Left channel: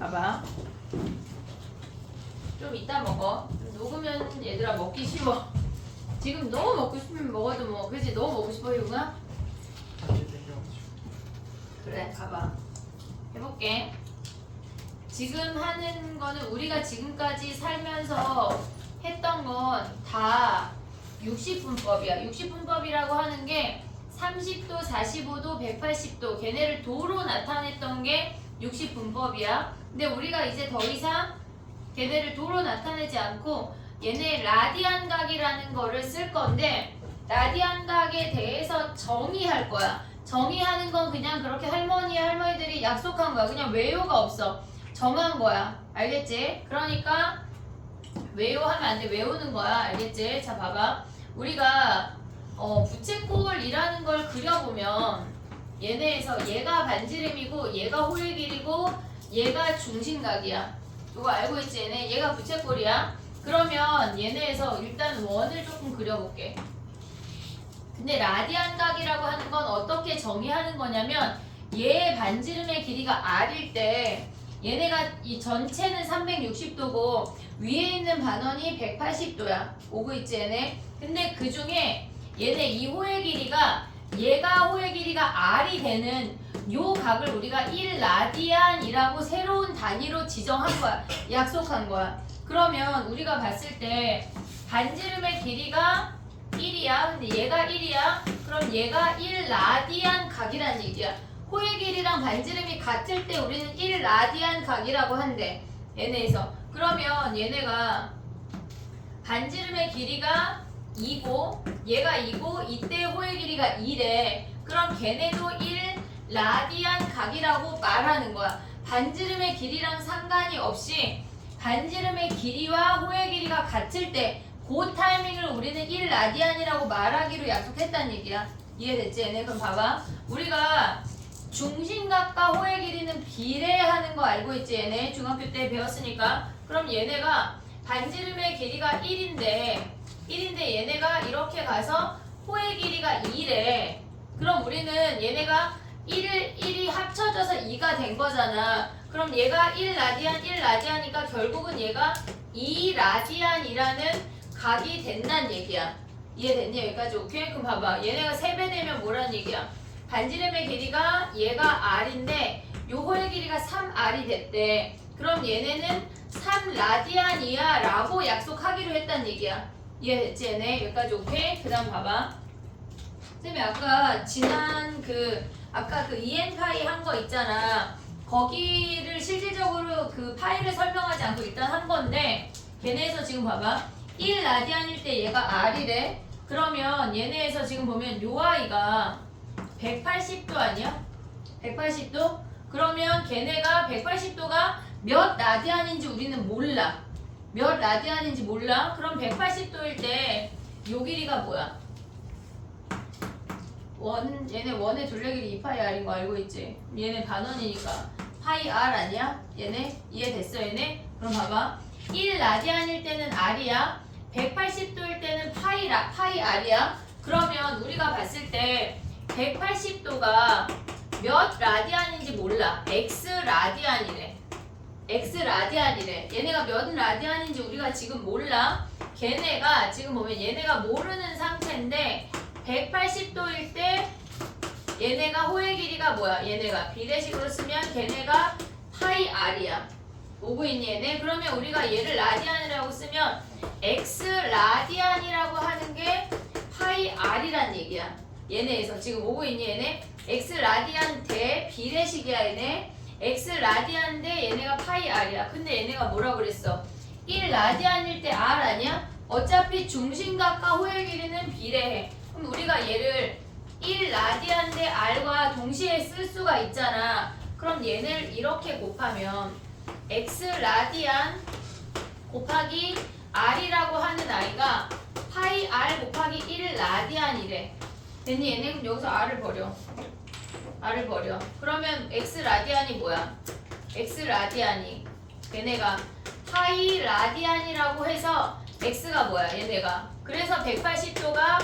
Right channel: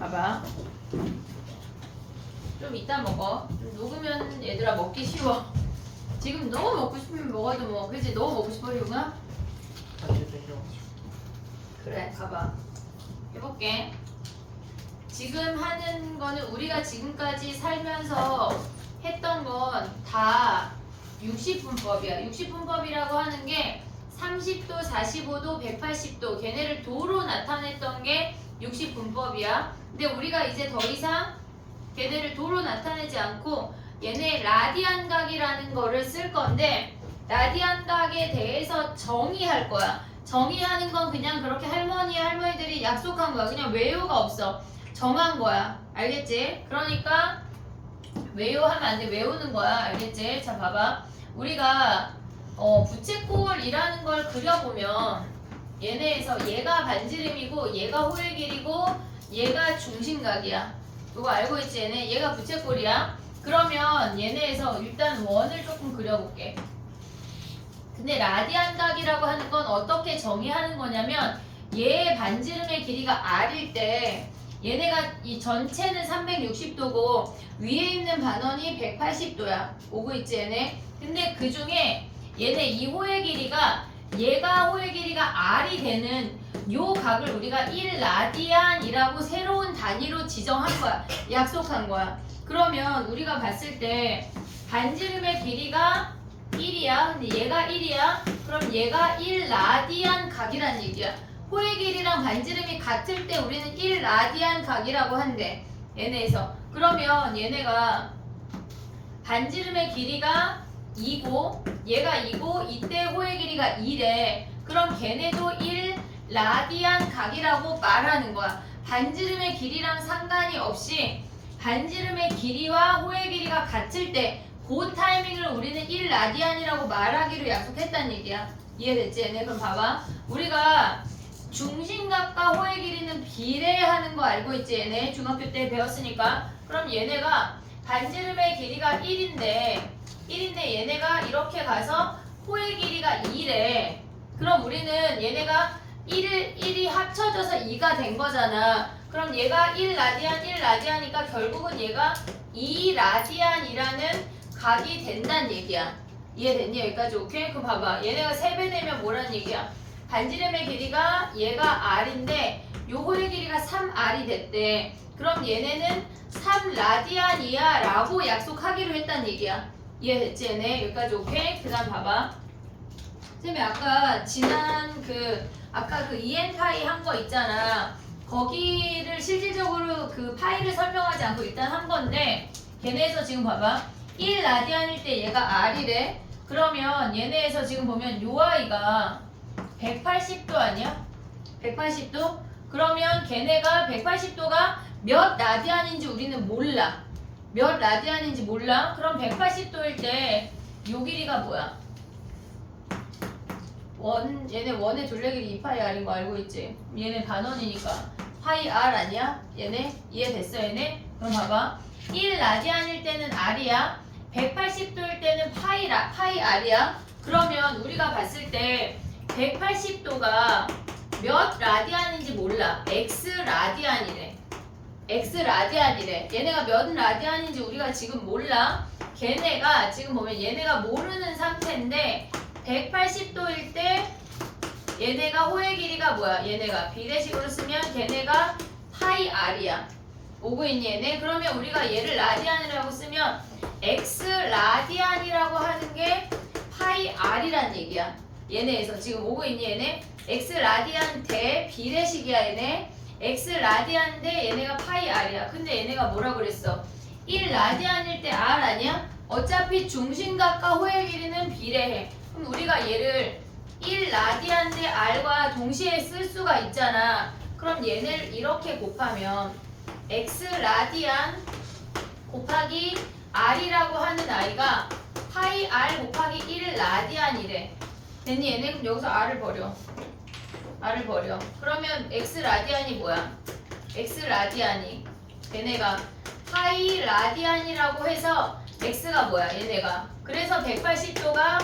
봐봐. 좀 이따 먹어. 좀 녹으면 얘들아 먹기 쉬워. 지금 너무 먹고 싶으면 먹어도 뭐, 그치? 너무 먹고 싶어, 이구나? 그래, 봐봐. 해볼게. 지금 하는 거는 우리가 지금까지 살면서 했던 건 다 60분법이야. 60분법이라고 하는 게 30도, 45도, 180도 걔네를 도로 나타냈던 게 60분법이야. 근데 우리가 이제 더 이상 걔네를 도로 나타내지 않고 얘네 라디안 각이라는 거를 쓸 건데 라디안 각에 대해서 정의할 거야. 정의하는 건 그냥 그렇게 할머니들이 약속한 거야. 그냥 외우가 없어. 정한 거야. 알겠지? 그러니까 외우하면 안 돼. 외우는 거야. 알겠지? 자, 봐봐. 우리가 부채꼴이라는 걸 그려보면 얘네에서 얘가 반지름이고 얘가 호의 길이고 얘가 중심각이야. 이거 알고 있지? 얘가 부채꼴이야. 그러면 얘네에서 일단 원을 조금 그려볼게. 근데 라디안 각이라고 하는 건 어떻게 정의하는 거냐면 얘 반지름의 길이가 r일 때 얘네가 이 전체는 360도고 위에 있는 반원이 180도야. 오고 있지 얘네? 근데 그 중에 얘네 이 호의 길이가 얘가 호의 길이가 r이 되는 요 각을 우리가 1라디안이라고 새로운 단위로 지정한 거야. 약속한 거야. 그러면 우리가 봤을 때 반지름의 길이가 1이야. 근데 얘가 1이야. 그럼 얘가 1라디안 각이란 얘기야. 호의 길이랑 반지름이 같을 때 우리는 1라디안 각이라고 한대. 얘네에서. 그러면 얘네가 반지름의 길이가 2고 얘가 2고 이때 호의 길이가 2래. 그럼 걔네도 1라디안 각이라고 말하는 거야. 반지름의 길이랑 상관이 없이 반지름의 길이와 호의 길이가 같을 때 그 타이밍을 우리는 1라디안이라고 말하기로 약속했다는 얘기야. 이해됐지 얘네? 그럼 봐봐. 우리가 중심각과 호의 길이는 비례하는 거 알고 있지 얘네? 중학교 때 배웠으니까. 그럼 얘네가 반지름의 길이가 1인데 얘네가 이렇게 가서 호의 길이가 2래. 그럼 우리는 얘네가 1이 합쳐져서 2가 된 거잖아. 그럼 얘가 1라디안이니까 결국은 얘가 2라디안이라는 각이 된다는 얘기야. 이해됐니? 여기까지 오케이? 그럼 봐봐. 얘네가 3배 되면 뭐란 얘기야? 반지름의 길이가 얘가 r인데 요 호의 길이가 3r이 됐대. 그럼 얘네는 3라디안이야 라고 약속하기로 했다는 얘기야. 이해됐지 얘네? 여기까지 오케이? 그 다음 봐봐. 쌤이 아까 지난 아까 그 EN파이 한 거 있잖아. 거기를 실질적으로 그 파이를 설명하지 않고 일단 한 건데 걔네에서 지금 봐봐. 1라디안일 때 얘가 r이래. 그러면 얘네에서 지금 보면 요 아이가 180도 아니야? 180도? 그러면 걔네가 180도가 몇 라디안인지 우리는 몰라. 몇 라디안인지 몰라? 그럼 180도일 때 요 길이가 뭐야? 얘네 원의 둘레길이 2파이 r인 거 알고 있지? 얘네 반원이니까 파이 r 아니야? 얘네? 이해됐어 얘네? 그럼 봐봐. 1라디안일 때는 r이야. 180도일 때는 파이 r이야. 그러면 우리가 봤을 때 180도가 몇 라디안인지 몰라. x라디안이래. 얘네가 몇 라디안인지 우리가 지금 몰라. 걔네가 지금 보면 얘네가 모르는 상태인데 180도일 때 얘네가 호의 길이가 뭐야? 얘네가 비례식으로 쓰면 걔네가 파이 r이야. 오고 있니 얘네? 그러면 우리가 얘를 라디안이라고 쓰면 x라디안이라고 하는 게 파이 r이란 얘기야. 얘네에서 지금 오고 있니 얘네? x라디안 대 비례식이야 얘네. x라디안 대 얘네가 파이 r이야. 근데 얘네가 뭐라고 그랬어? 1라디안일 때 r 아니야? 어차피 중심각과 호의 길이는 비례해. 그럼 우리가 얘를 1라디안 대 r과 동시에 쓸 수가 있잖아. 그럼 얘네를 이렇게 곱하면 x라디안 곱하기 r이라고 하는 아이가 파이 r 곱하기 1라디안이래. 됐니 얘네? 그럼 여기서 r을 버려. 그러면 x라디안이 뭐야? x라디안이 얘네가 파이 라디안이라고 해서 x가 뭐야? 얘네가. 그래서 180도가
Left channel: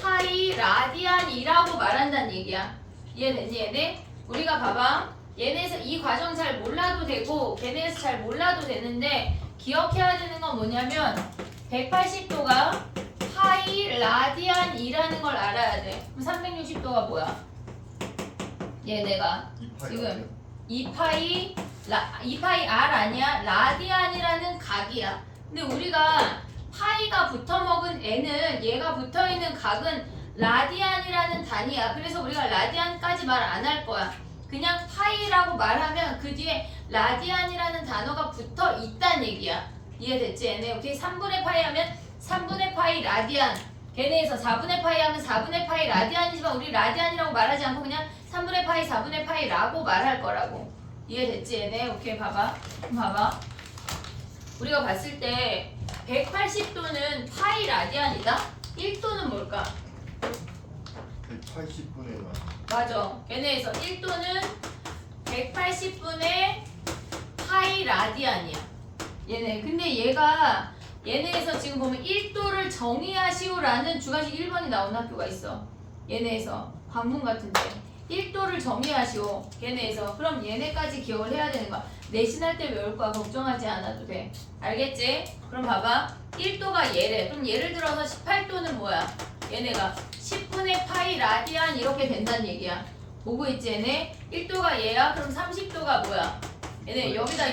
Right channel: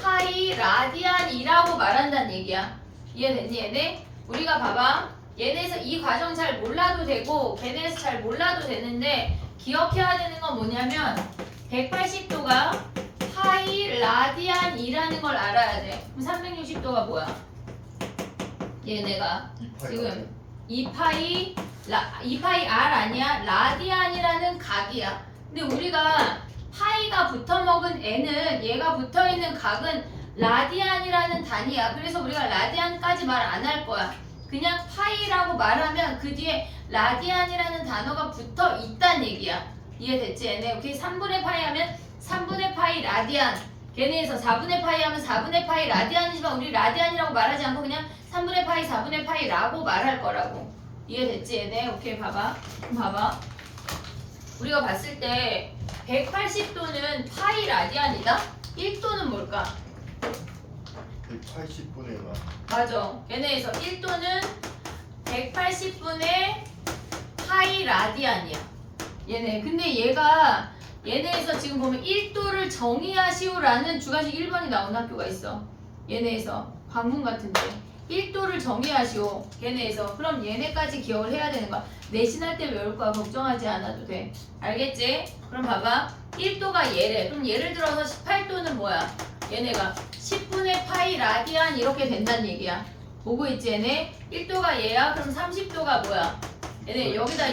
파이 라디안이라고 말한다는 얘기야. 이해됐니 얘네? 우리가 봐봐. 얘네에서 이 과정 잘 몰라도 되고 걔네에서 잘 몰라도 되는데 기억해야 되는 건 뭐냐면 180도가 파이 라디안이라는 걸 알아야 돼. 그럼 360도가 뭐야? 얘네가 지금 2파이 R 아니야? 라디안이라는 각이야. 근데 우리가 파이가 붙어먹은 N은 얘가 붙어있는 각은 라디안이라는 단위야. 그래서 우리가 라디안까지 말 안 할 거야. 그냥 파이라고 말하면 그 뒤에 라디안이라는 단어가 붙어 있단 얘기야. 이해됐지? 얘네 오케이 3분의 파이 하면 3분의 파이 라디안. 걔네에서 4분의 파이 하면 4분의 파이 라디안이지만 우리 라디안이라고 말하지 않고 그냥 3분의 파이 4분의 파이라고 말할 거라고. 이해됐지? 얘네 오케이 봐봐. 그럼 봐봐. 우리가 봤을 때 180도는 파이 라디안이다. 1도는 뭘까? 180분의 나. 맞아. 걔네에서 1도는 180분의 파이 라디안이야. 얘네. 근데 얘네에서 지금 보면 1도를 정의하시오라는 주관식 1번이 나온 학교가 있어. 얘네에서 관문 같은데 1도를 정의하시오. 걔네에서 그럼 얘네까지 기억을 해야 되는 거야. 내신할 때 외울 거야. 걱정하지 않아도 돼. 알겠지? 그럼 봐봐. 1도가 얘래. 그럼 예를 들어서 18도는 뭐야? 얘네가 10분의 파이 라디안 이렇게 된다는 얘기야. 보고 있지 얘네? 1도가 얘야. 그럼 30도가 뭐야? 얘네 여기다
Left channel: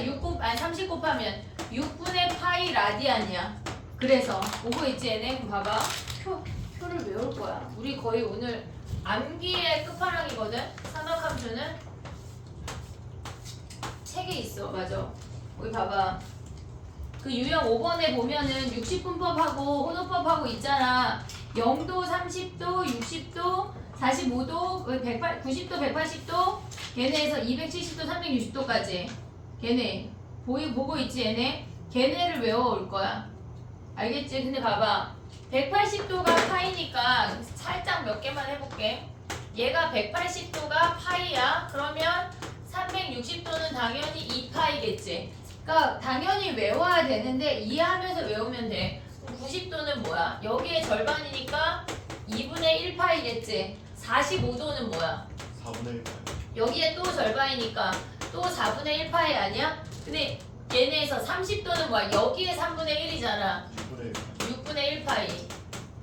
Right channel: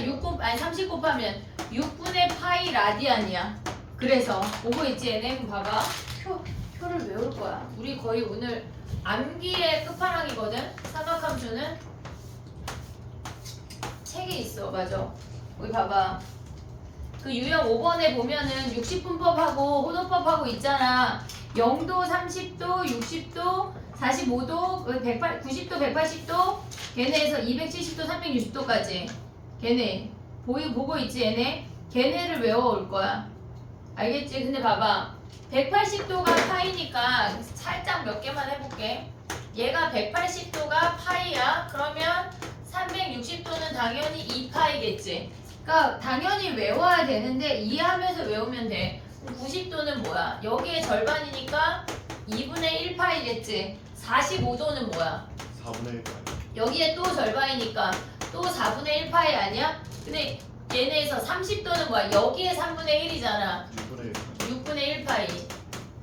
30 곱하면 6분의 파이 라디안이야. 그래서 보고 있지 얘네? 그럼 봐봐. 표를 외울 거야. 우리 거의 오늘 암기의 끝판왕이거든. 삼각함수는 책에 있어. 맞아. 여기 봐봐. 그 유형 5번에 보면은 60분법하고 호도법하고 있잖아. 0도, 30도, 60도, 45도, 90도, 180도, 걔네에서 270도, 360도까지. 걔네 보고 있지 얘네? 걔네를 외워올 거야. 알겠지? 근데 봐봐. 180도가 파이니까 살짝 몇 개만 해볼게. 얘가 180도가 파이야. 그러면 360도는 당연히 2파이겠지. 그러니까 당연히 외워야 되는데 이해하면서 외우면 돼. 90도는 뭐야? 여기에 절반이니까 2분의 1파이겠지. 45도는 뭐야? 4분의 1파이. 여기에 또 절반이니까 또 4분의 1파이 아니야? 근데 얘네에서 30도는 뭐야? 여기에 3분의 1이잖아. 6분의 1파이. 6분의 1파이.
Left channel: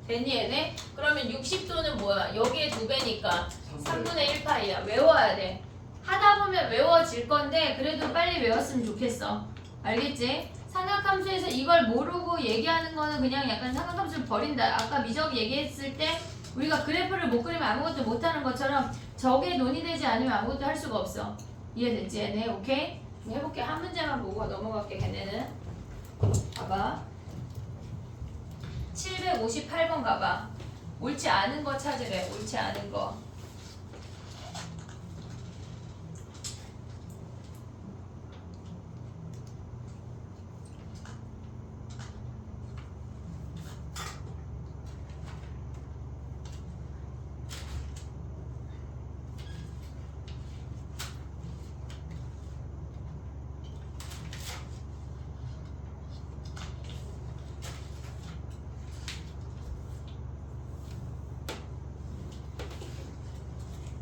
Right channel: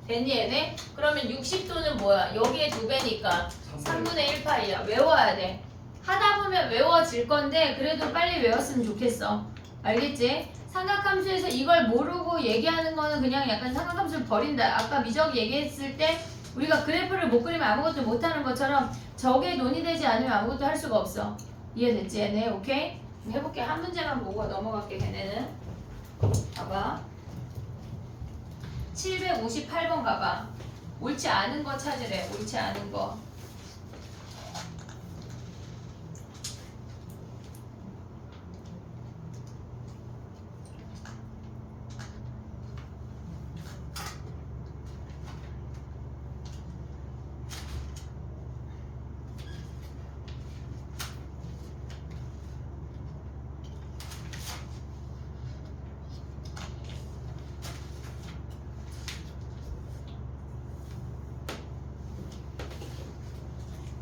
됐니 얘네? 그러면 60도는 뭐야? 여기에 2배니까 3분의 1파이야. 외워야 돼. 하다 보면 외워질 건데 그래도 빨리 외웠으면 좋겠어. 알겠지? 삼각함수에서 이걸 모르고 얘기하는 거는 그냥 약간 삼각함수를 버린다. 아까 미적이 얘기했을 때 우리가 그래프를 못 그리면 아무것도 못하는 것처럼 저게 논의되지 않으면 아무것도 할 수가 없어. 이해됐지 얘네? 오케이? 해볼게. 한 문제만 보고 넘어갈게 걔네는. 봐봐. 758번 가봐. 옳지 않은 거 찾으래. 옳지 않은 거.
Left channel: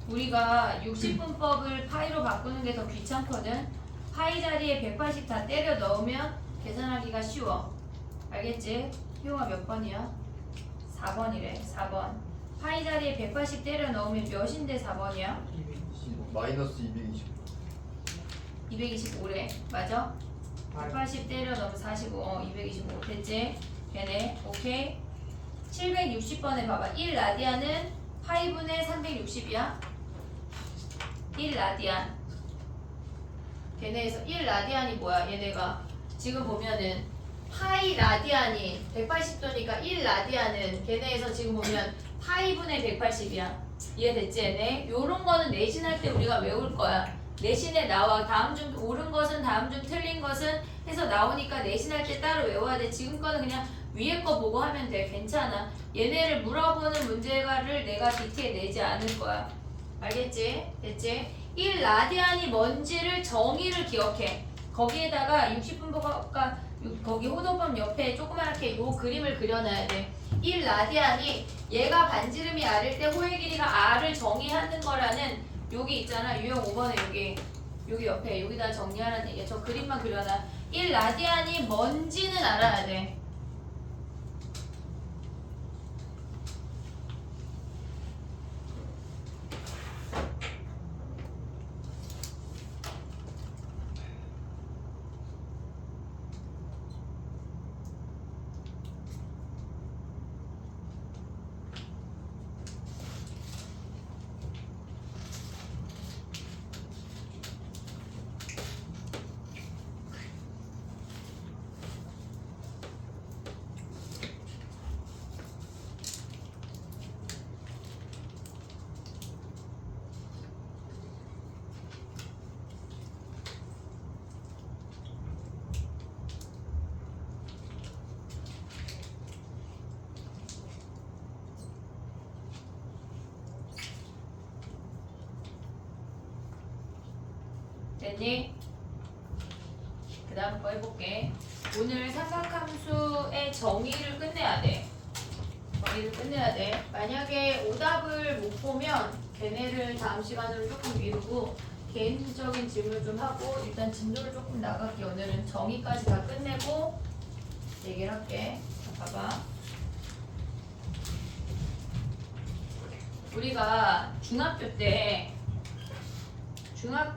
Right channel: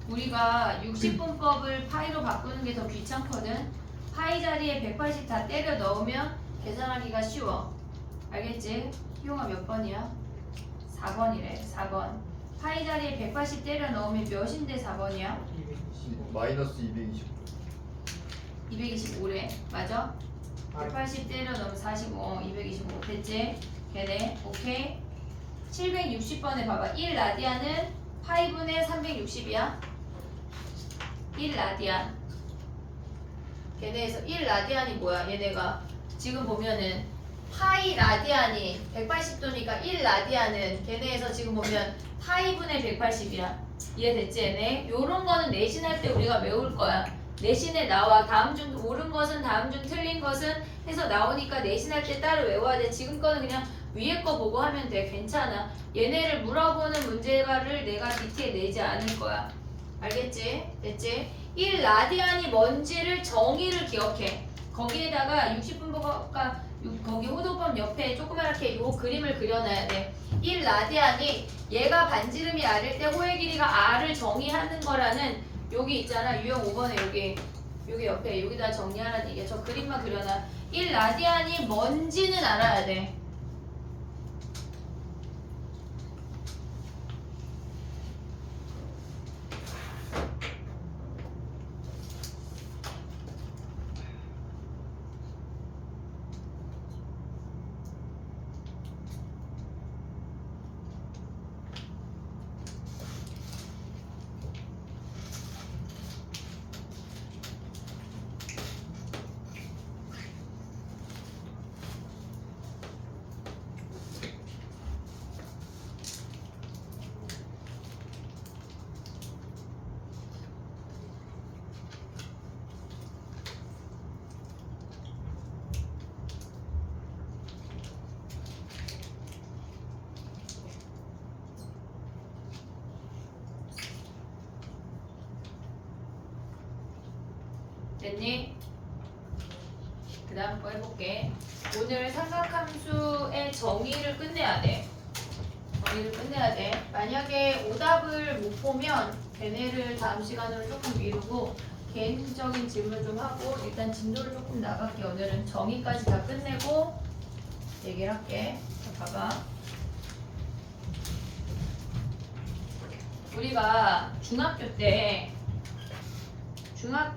우리가 60분법을 파이로 바꾸는 게 더 귀찮거든. 파이 자리에 180 다 때려 넣으면 계산하기가 쉬워. 알겠지? 희용아 몇 번이야? 4번이래. 4번. 파이 자리에 180 때려 넣으면 몇인데 4번이야? 마이너스 225. 225래. 맞아? 180 때려 넣으면 45. 225. 됐지? 걔네. 오케이? 760번에 봐봐. 1 라디안은 파이분의 360이야. 1 라디안. 걔네에서 1 라디안이 뭐야? 얘네가 지금 보면은 파이 라디안이 180도니까 1 라디안은 걔네에서 지금 보면 파이분의 180이야. 이해됐지 얘네? 요런 거는 내신할 때 우리가 외울 거야. 내신에 나와. 다음 중 옳은 것은 다음 중 틀린 것은 해서 나오니까 내신할 때 따로 외워야 돼. 지금 거는 그냥 위에 거 보고 하면 돼. 괜찮아. 얘네를 물어보는 문제를 내가 디테일 내지 않을 거야. 알겠지? 됐지? 1 라디안이 뭔지를 정의를 기억해. 거기에다가 60분법과 거기 호도법 옆에 조그맣게 요 그림을 그려놔야 돼. 1 라디안이 얘가 반지름이 r일 때 호의 길이가 r을 정의하는 거라는 여기 있잖아. 유형 5번에 여기 여기 옆에 여기다 정리하라는 얘기야. 저 그림만 그려놔. 1라디안이 뭔지는 알아야 돼. 됐니? 그 다음 거 해볼게. 오늘 삼각함수의 정의를 끝내야 돼. 정의를 끝내야 돼. 만약에 오답을 못 보면 걔네를 다음 시간으로 조금 미루고 개인적인 질문 좀 하고 일단 진도를 조금 나갈게. 오늘은 정의까지 다 끝내고 얘기를 할게. 자, 봐봐. 우리가 중학교 때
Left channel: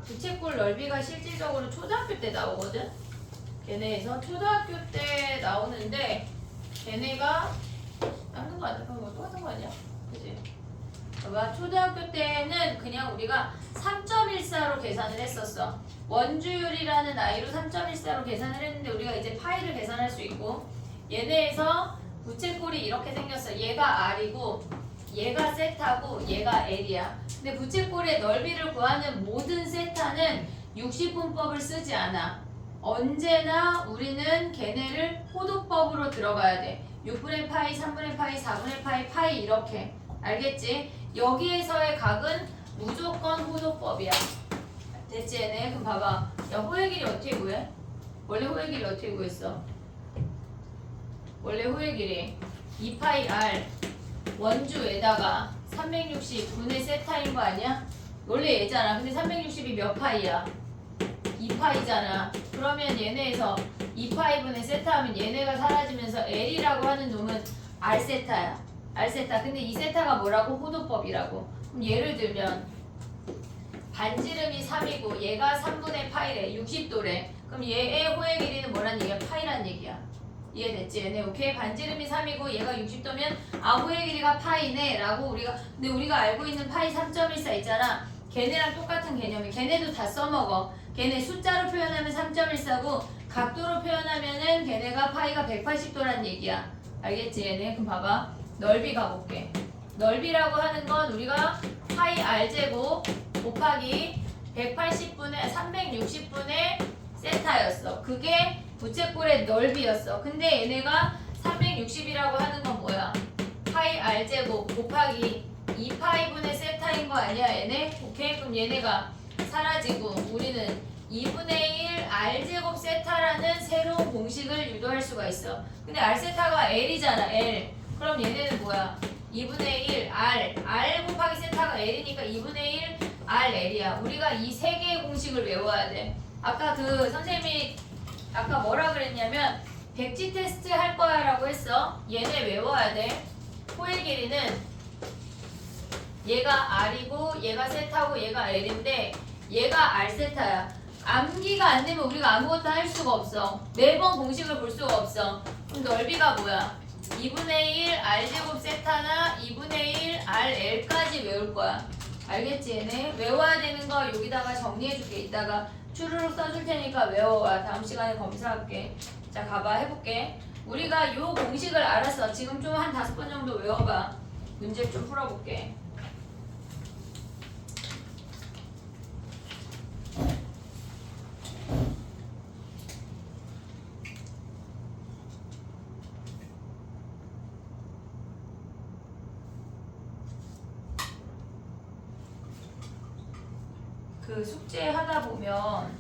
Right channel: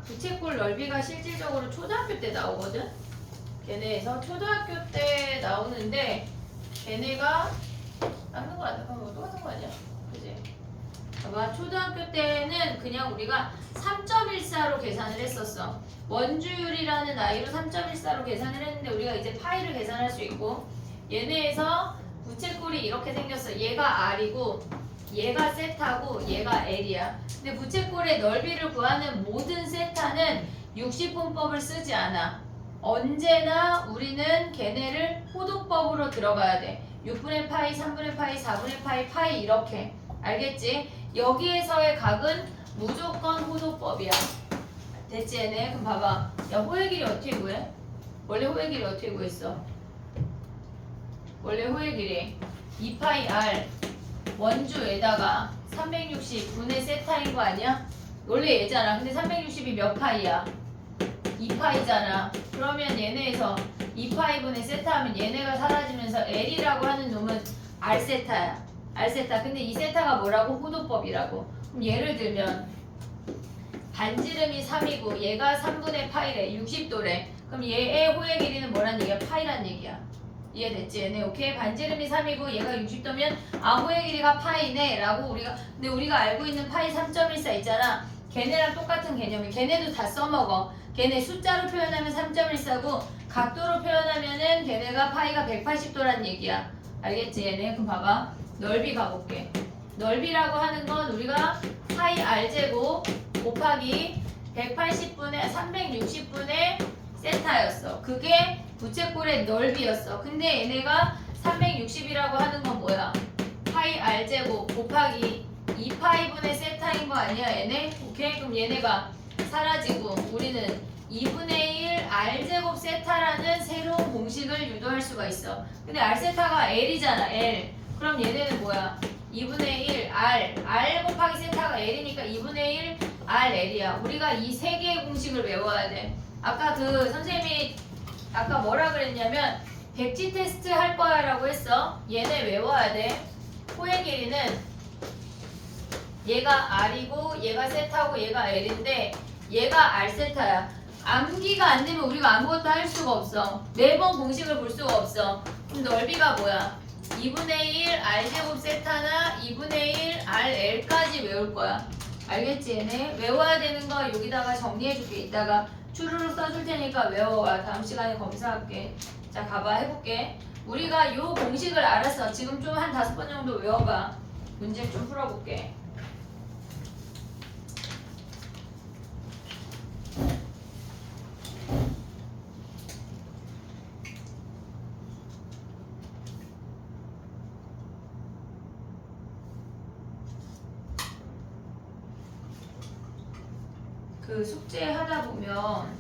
부채꼴 넓이가 실질적으로 초등학교 때 나오거든? 걔네에서 초등학교 때 나오는데 걔네가 닦는 거 아니야? 똑같은 거 아니야? 그지? 봐봐. 초등학교 때는 그냥 우리가 3.14로 계산을 했었어. 원주율이라는 아이로 3.14로 계산을 했는데 우리가 이제 파이를 계산할 수 있고 얘네에서 부채꼴이 이렇게 생겼어. 얘가 R이고 얘가 세타고 얘가 L이야. 근데 부채꼴의 넓이를 구하는 모든 세타는 60분법을 쓰지 않아. 언제나 우리는 걔네를 호도법으로 들어가야 돼. 6분의 파이, 3분의 파이, 4분의 파이, 파이 이렇게. 알겠지? 여기에서의 각은 무조건 호도법이야. 됐지 얘네? 그럼 봐봐. 야 호의 길이 어떻게 구해? 원래 호의 길이 어떻게 구했어? 원래 호의 길이 2파이 R 원주에다가 360분의 세타인 거 아니야? 원래 얘잖아. 근데 360이 몇 파이야? 2파이잖아. 그러면 얘네에서 2파이분의 세타 하면 얘네가 사라지면서 L이라고 하는 놈은 R세타야. R세타. 근데 이 세타가 뭐라고? 호도법이라고. 그럼 예를 들면 반지름이 3이고 얘가 3분의 파이래. 60도래. 그럼 얘의 호의 길이는 뭐란 얘기야? 파이란 얘기야. 이해됐지? 얘네 오케이? 반지름이 3이고 얘가 60도면 호의 길이가 파이네 라고 근데 우리가 알고 있는 파이 3.14 있잖아. 걔네랑 똑같은 개념이. 걔네도 다 써먹어. 걔네 숫자로 표현하면 3.14고 각도로 표현하면은 걔네가 파이가 180도란 얘기야. 알겠지? 얘네 그럼 봐봐. 넓이 가볼게. 넓이라고 하는 건 우리가 파이 r제곱 곱하기 180분의 360분의 세타였어. 그게 부채꼴의 넓이였어. 근데 얘네가 360이라고 하는 건 뭐야? 파이 r제곱 곱하기 2파이분의 세타인 거 아니야 얘네? 오케이? 그럼 얘네가 사라지고 우리는 2분의 1 r제곱 세타라는 새로운 공식을 유도할 수가 있어. 근데 r세타가 l이잖아. l. 그럼 얘네는 뭐야? 2분의 1 r 곱하기 세타가 l이니까 2분의 1 rl이야. 우리가 이 세 개의 공식을 외워야 돼. 아까 그 선생님이 아까 뭐라 그랬냐면 백지 테스트 할 거야 라고 했어. 얘네 외워야 돼. 호의 길이는 얘가 r이고 얘가 세타고 얘가 l인데 얘가 r세타야. 암기가 안 되면 우리가 아무것도 할 수가 없어. 매번 공식을 볼 수가 없어. 그럼 넓이가 뭐야? 2분의 1 r제곱 세타나 2분의 1 rl까지 외울 거야. 알겠지 얘네? 외워야 되는 거 여기다가 정리해줄게. 이따가 추루룩 써줄 테니까 외워와. 다음 시간에 검사할게. 자 가봐. 해볼게. 우리가 요 공식을 알았어. 지금 좀 한 5번 정도 외워봐. 문제 좀 풀어볼게. 그 숙제 하다 보면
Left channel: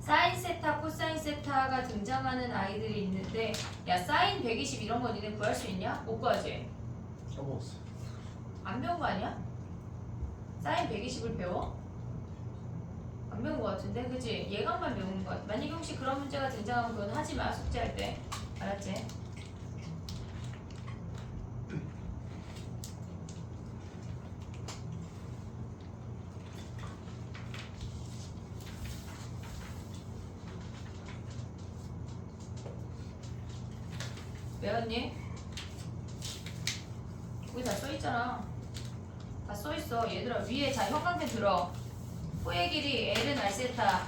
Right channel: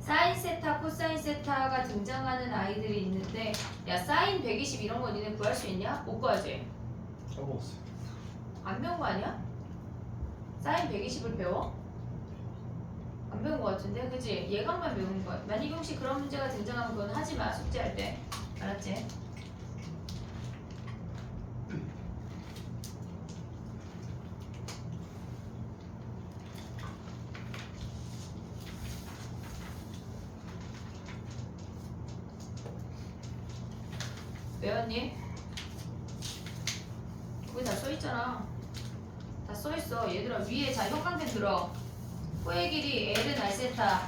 사인 세타, 코사인 세타가 등장하는 아이들이 있는데 야 사인 120 이런 거 니네 구할 수 있냐? 못 구하지? 써먹었어요. 안 배운 거 아니야? 사인 120을 배워? 안 안 배운 것 같은데, 그지? 예감만 배운 것 같아. 만약에 혹시 그런 문제가 등장하면 그건 하지 마, 숙제할 때. 알았지? 외웠니? 거기 다 써있잖아. 다 써있어. 얘들아, 위에 자 형광펜 들어. 호의 길이 L은 R세타.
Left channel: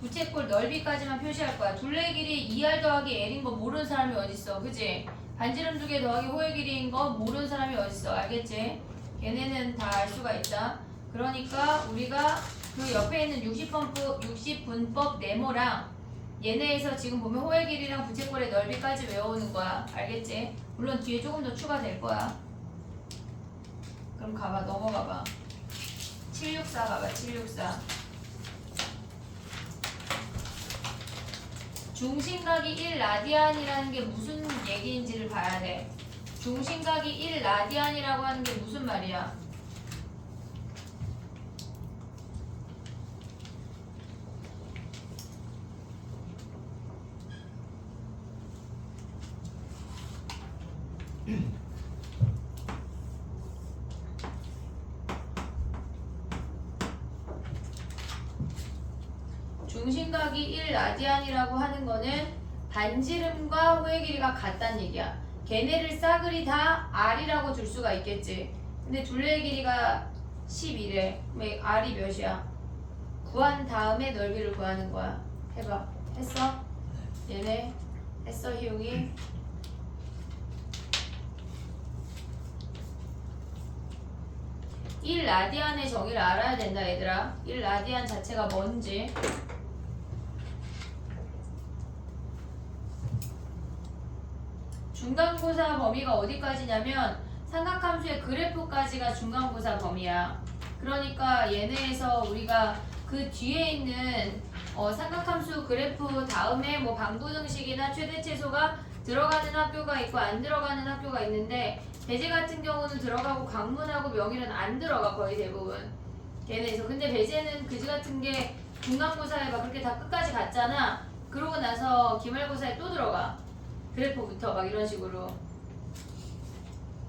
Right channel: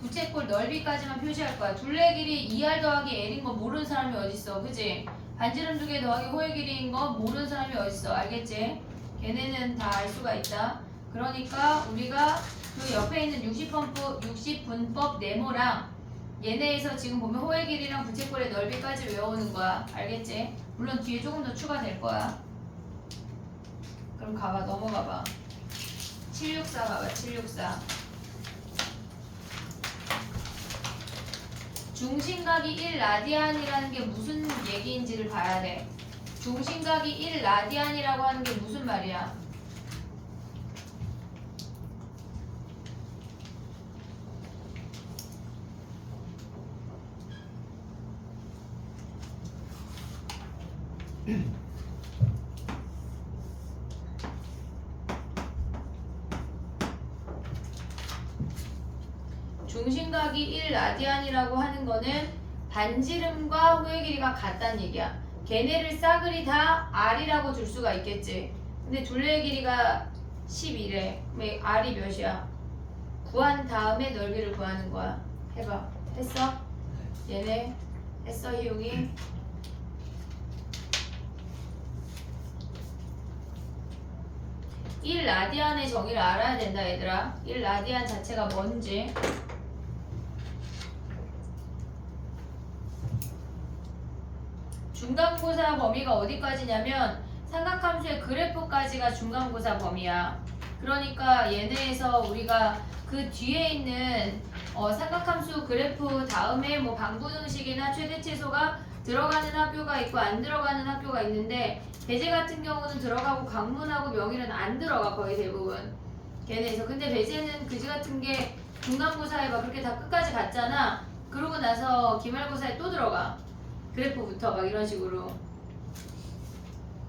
부채꼴 넓이까지만 표시할 거야. 둘레 길이 2R 더하기 L인 거 모르는 사람이 어딨어. 그지? 반지름 2개 더하기 호의 길이인 거 모르는 사람이 어딨어. 알겠지? 걔네는 다 알 수가 있다. 그러니까 우리가 그 옆에 있는 60분법 네모랑 얘네에서 지금 보면 호의 길이랑 부채꼴의 넓이까지 외워오는 거야. 알겠지? 물론 뒤에 조금 더 추가될 거야. 그럼 가봐. 넘어가봐. 764 가봐. 764. 중심각이 1라디안이라는 게 무슨 얘기인지를 봐야 돼. 중심각이 1라디안이라고 하는 게 무슨 말이야? 중심각이 1라디안이라고 하는 거는 반지름과 호의 길이가 같다는 얘기야. 걔네를 싸그리 다 R이라고 줄 수가 있겠지. 근데 둘레의 길이가 11래. 그럼 R이 몇이야? 구한 다음에 넓이를 구하는 거야. 해봐. 했어? 얘네 했어, 희용이? 일 라디안의 정의를 알아야 된다, 얘들아. 1라디안 자체가 뭔지. 중간고사 범위가 어디까지냐면 삼각함수의 그래프까지가 중간고사 범위야. 그러니까 얘네에서 우리가 그 뒤에 있는 삼각함수 그래프 다음에 뭐 방부등식이나 최대치소가 들어가는 학교가 있고 안 들어가는 학교가 있는데 배제 같은 경우는 들어가고 강문하고 명일은 안 들어가. 거의 대부분 걔네에서. 근데 배제는 그지 같은 게 중간고사에 막 그렇게 다 끝까지 갔잖아. 그러고 나서 기말고사에 또 들어가. 그래프부터 막 이런 식으로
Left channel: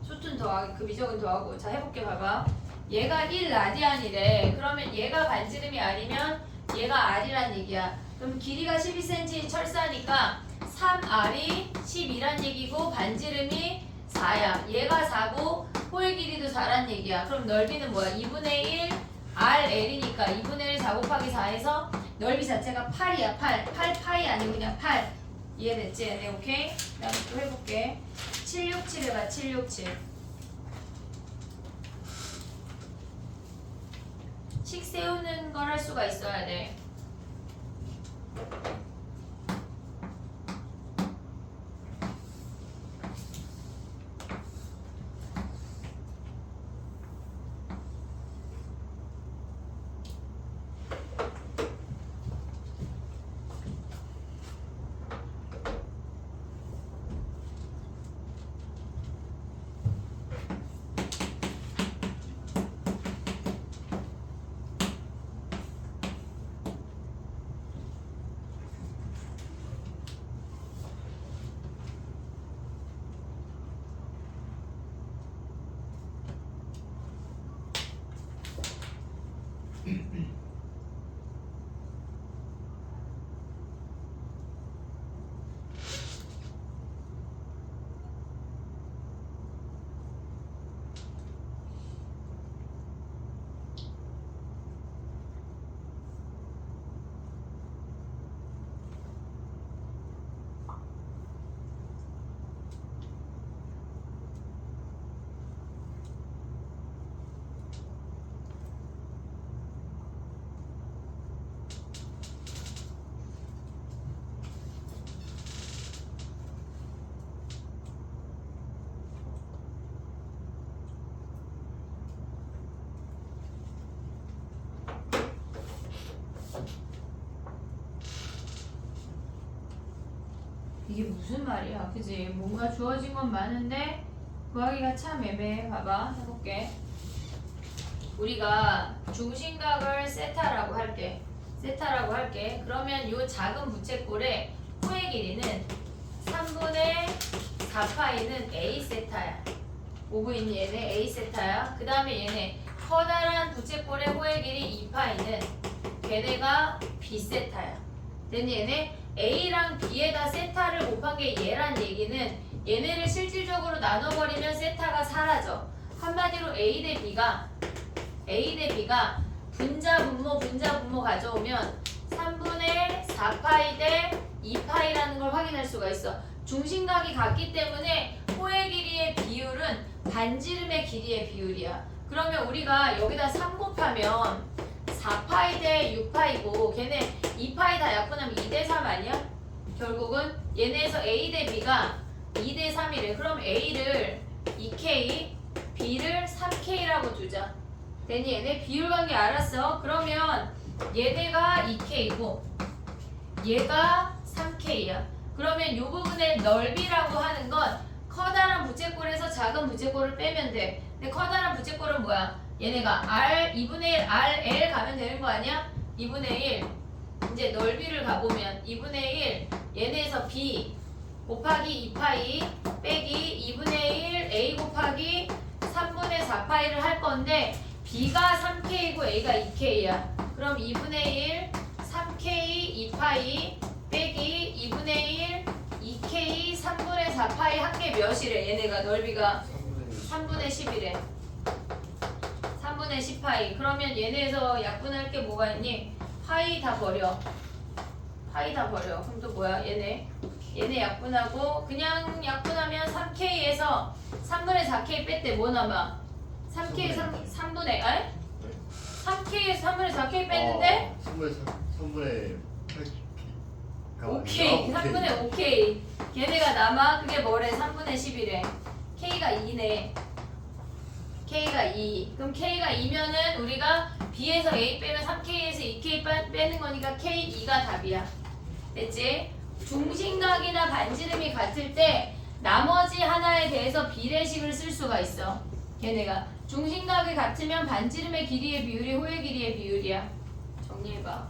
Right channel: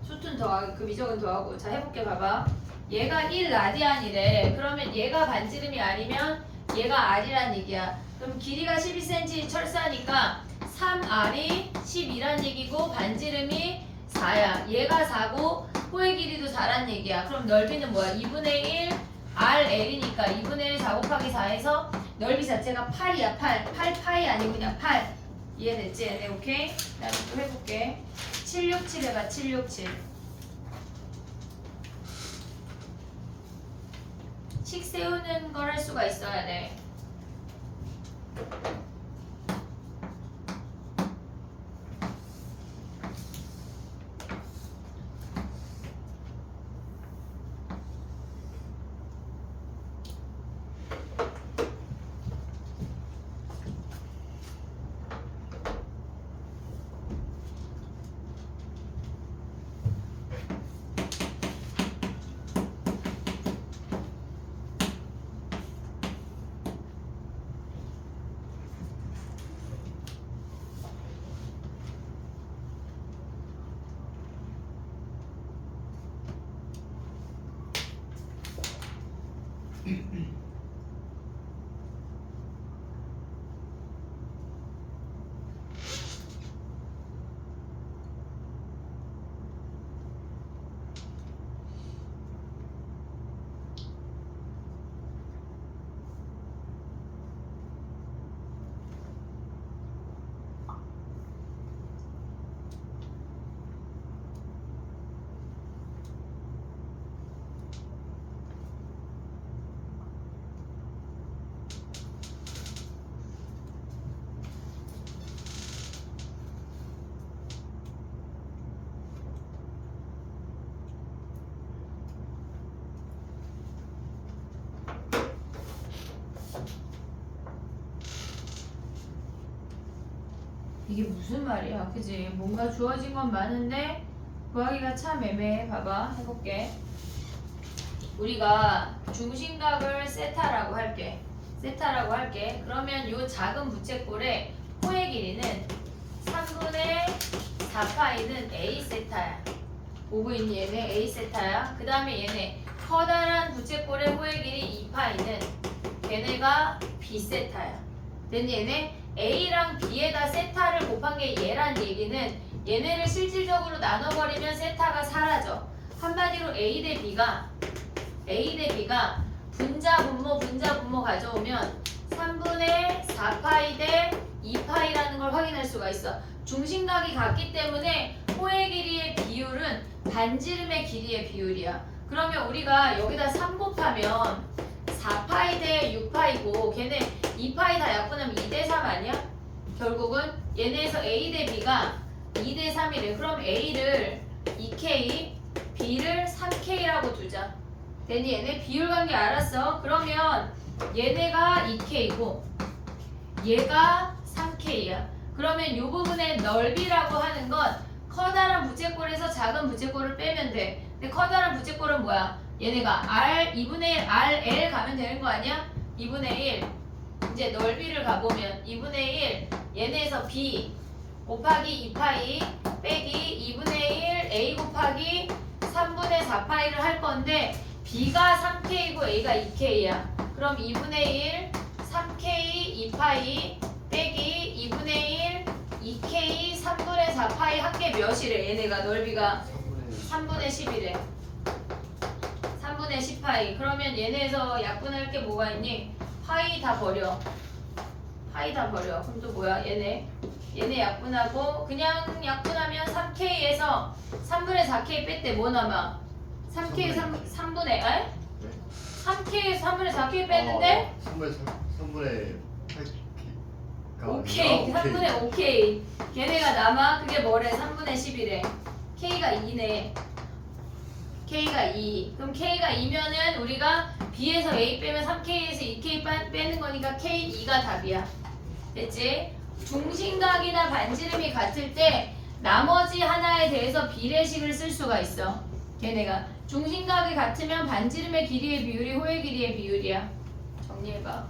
수튼 더하기 그 미적은 더하고. 자, 해볼게. 봐봐. 얘가 1라디안이래. 그러면 얘가 반지름이 R이면 얘가 R이란 얘기야. 그럼 길이가 12cm 철사니까 3R이 12란 얘기고 반지름이 4야. 얘가 4고 호의 길이도 4란 얘기야. 그럼 넓이는 뭐야? 2분의 1 RL이니까 2분의 1 4 곱하기 4에서 넓이 자체가 8이야. 8 파이 아니고 그냥 8. 이해됐지? 네, 오케이? 나 또 해볼게. 767 해봐. 767. 식 세우는 걸 할 수가 있어야 돼. 이게 무슨 말이야, 그지? 뭔가 주어진 건 많은데 구하기가 참 애매해. 봐봐, 해볼게. 우리가 중심각을 세타라고 할게. 세타라고 할게. 그러면 이 작은 부채꼴의 호의 길이는 3분의 4파이는 A 세타야. 보고 있니? 얘네 A 세타야. 그 다음에 얘네 커다란 부채꼴의 호의 길이 2파이는 걔네가 B 세타야. 근데 얘네 A랑 B에다 세타를 곱한 게 얘란 얘기는 얘네를 실질적으로 나눠버리면 세타가 사라져. 한마디로 A 대 B가 분자 분모 가져오면 3분의 4파이 대 2파이라는 걸 확인할 수가 있어. 중심각이 같기 때문에 호의 길이의 비율은 반지름의 길이의 비율이야. 그러면 우리가 여기다 3 곱하면 4파이 대 6파이고 걔네 2파이 다 약분하면 2대 3 아니야? 결국은 얘네에서 A 대 B가 2대 3이래. 그럼 A를 2K, B를 3K라고 두자. 되니 얘네 비율 관계 알았어? 그러면 얘네가 2K고 얘가 3K야. 그러면 이 부분의 넓이라고 하는 건 커다란 부채꼴에서 작은 부채꼴을 빼면 돼. 근데 커다란 부채꼴은 뭐야? 얘네가 R 2분의 1 RL 가면 되는 거 아니야? 2분의 1 이제 넓이를 가보면 2분의 1 얘네에서 B 곱하기 2파이 빼기 2분의 1 A 곱하기 3분의 4파이를 할 건데 B가 3K고 A가 2K야. 그럼 2분의 1 3K 2파이 빼기 2분의 1 2K 3분의 4파이 한 개 몇이래? 얘네가 넓이가 3분의 10이래. 3분의 10파이. 그러면 얘네에서 약분할 게 뭐가 있니? 파이 다 버려. 파이 다 버려. 그럼 또 뭐야? 얘네 약분하고 그냥 약분하면 3K에서 3분의 4K 뺐대. 뭐 남아? 3K 3분의 3K에서 3분의 4K 뺐는데 3분의 8K. 오케이. 3분의 5K. 걔네가 남아. 그게 뭐래? 3분의 10이래. K가 2네. K가 2. 그럼 K가 2면은 우리가 B에서 A 빼면 3K에서 2K 빼는 거니까 K2가 답이야. 됐지? 중심각이나 반지름이 같을 때 나머지 하나에 대해서 비례식을 쓸 수가 있어. 걔네가 중심각이 같으면 반지름의 길이의 비율이 호의 길이의 비율이야. 정리해봐.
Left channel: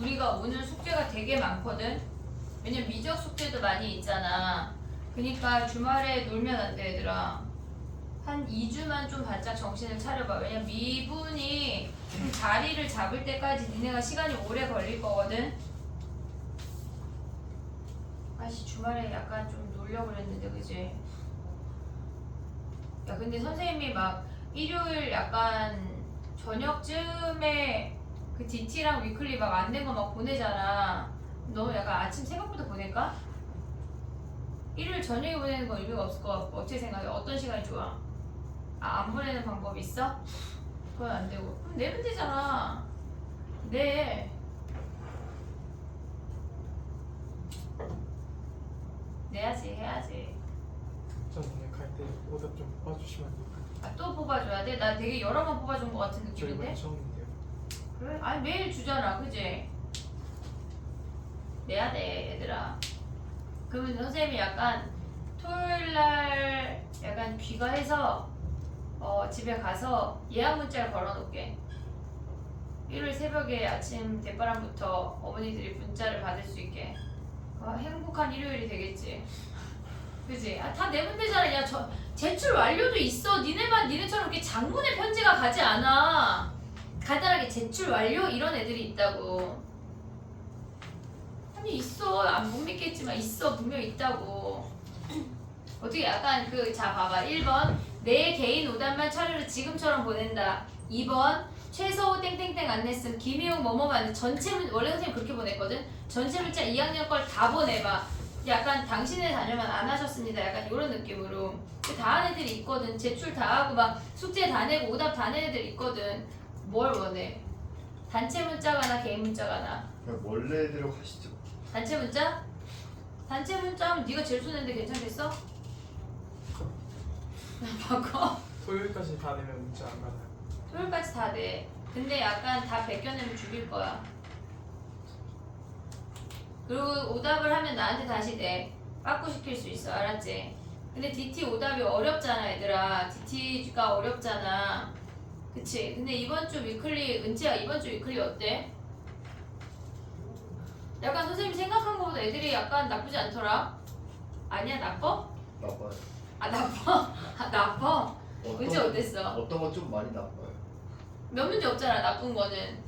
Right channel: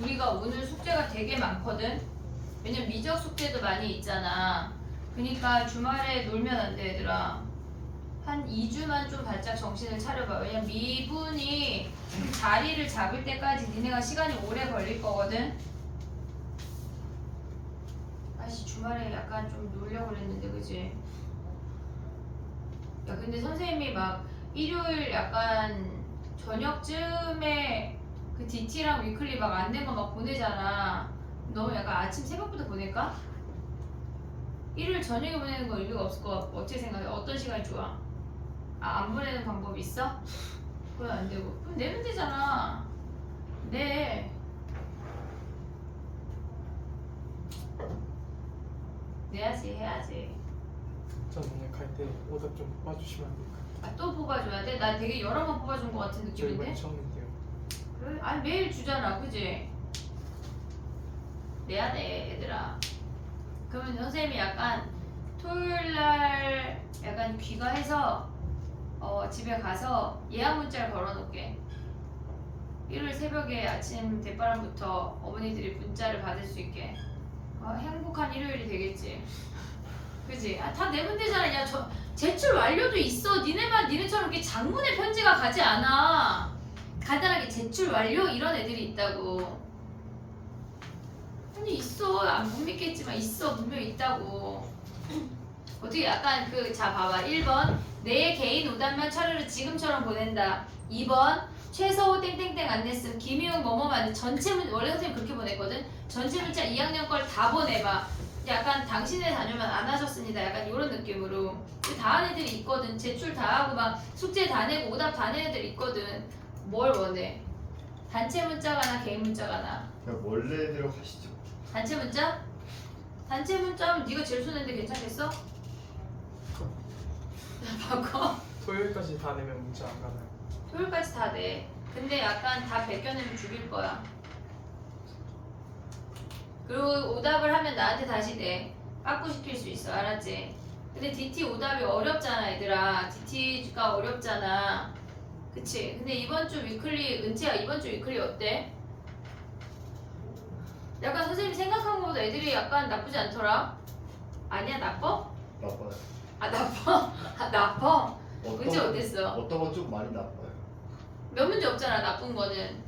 우리가 오늘 숙제가 되게 많거든. 왜냐면 미적 숙제도 많이 있잖아. 그러니까 주말에 놀면 안 돼, 얘들아. 한 2주만 좀 바짝 정신을 차려봐. 왜냐면 미분이 자리를 잡을 때까지 니네가 시간이 오래 걸릴 거거든. 아씨 주말에 약간 좀 놀려고 그랬는데 그지? 야 근데 선생님이 막 일요일 약간 저녁쯤에 그 DT랑 위클리 막 안 된 거 막 보내잖아. 너무 약간 아침 새벽부터 보낼까? 일요일 저녁에 보내는 거 의미가 없을 것 같고 어떻게 생각해? 어떤 시간이 좋아? 안 보내는 방법 있어? 그건 안 되고 그럼 내면 되잖아. 네. 내야지 해야지. 전 오늘 갈 때 오답 좀 뽑아주시면 안 돼요? 또 뽑아줘야 돼? 나 되게 여러 번 뽑아준 것 같은 저 느낌인데? 이번에 처음인데요. 그래? 아니 매일 주잖아 그지? 내야 돼 얘들아. 그러면 선생님이 약간 토요일날 약간 귀가해서 집에 가서 예약 문자를 걸어놓을게. 일요일 새벽에 아침 대바람부터 어머니들이 문자를 받을 수 있게. 행복한 일요일이 되겠지. 그지? 다 내면 되잖아. 야, 제출 완료도 있어. 니네처럼 이렇게 장문의 편지가 가지 않아. 간단하게 제출 완료 이런 애들이 있다고. 아니 있어. 안 못 믿겠지만 있어. 분명히 있다고. 어떻게 약간 자 봐봐. 1번 내 개인 오답만 차례로 지금처럼 보낸다. 2번 최서호 땡땡땡 안 냈음. 김희웅 뭐뭐만 전체 원래 선생님 그렇게 보냈거든. 전체 문자 2학년 걸 다 보내봐. 약간 당신의 자녀만 안 하셨습니다. 약간 이런 느낌으로. 다 한 애들이 있거든. 제출 다 하고 막 숙제 다 내고 오답 다 낸 애들 있거든. 뭘 원해? 단체 문자가 나 개인 문자가 나? 그냥 원래대로 가시죠. 단체 문자? 단체 문자면 네가 제일 손했는데 괜찮겠어? 바꿔. 토요일까지 다 내면 문자 안 가나요? 토요일까지 다 돼. 근데 약간 다 벗겨내면 죽일 거야. 그리고 오답을 하면 나한테 다시 내. 빠꾸 시킬 수 있어. 알았지? 근데 DT 오답이 어렵잖아 얘들아. DT가 어렵잖아. 그치? 근데 이번 주 위클리, 은지야 이번 주 위클리 어때? 약간 선생님이 생각한 것보다 애들이 약간 나쁘지 않더라? 아니야 나빠? 나빠요. 아 나빠? 아 나빠? 은지 어땠어? 어떤 건 좀 많이 나빠요. 몇 문제 없잖아 나쁜 거는.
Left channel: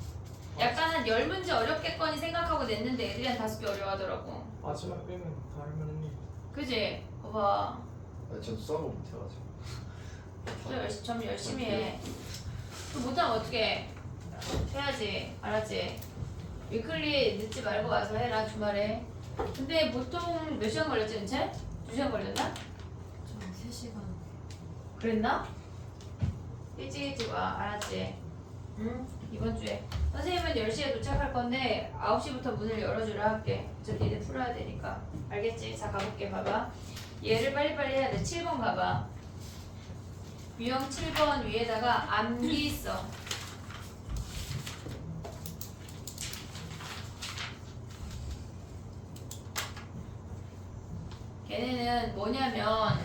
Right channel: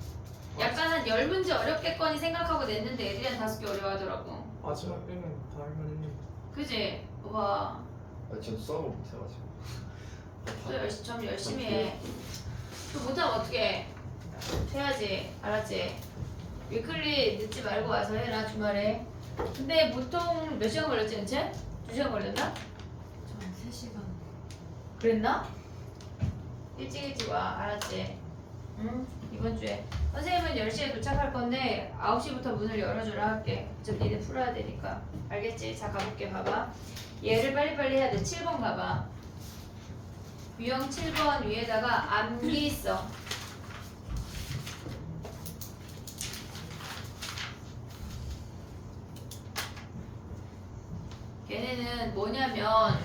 약간 한 10문제 어렵겠거니 생각하고 냈는데 애들이 한 5개 어려워하더라고. 마지막 빼면 다 할만했는데. 그지? 봐봐. 전 수학을 못해가지고. 좀 열심히 해. 또 못하면 어떡해. 해야지. 알았지? 위클리 늦지 말고 와서 해라 주말에. 근데 보통 몇 시간 걸렸지 은채? 2시간 걸렸나? 저 3시간. 그랬나? 일찍 와. 알았지? 응? 이번 주에. 선생님은 10시에 도착할 건데 9시부터 문을 열어주라 할게. 좀 니네 풀어야 되니까. 알겠지? 자 가볼게. 봐봐. 얘를 빨리빨리 해야 돼. 7번 가봐. 유형 7번 위에다가 암기 써. 걔네는 뭐냐면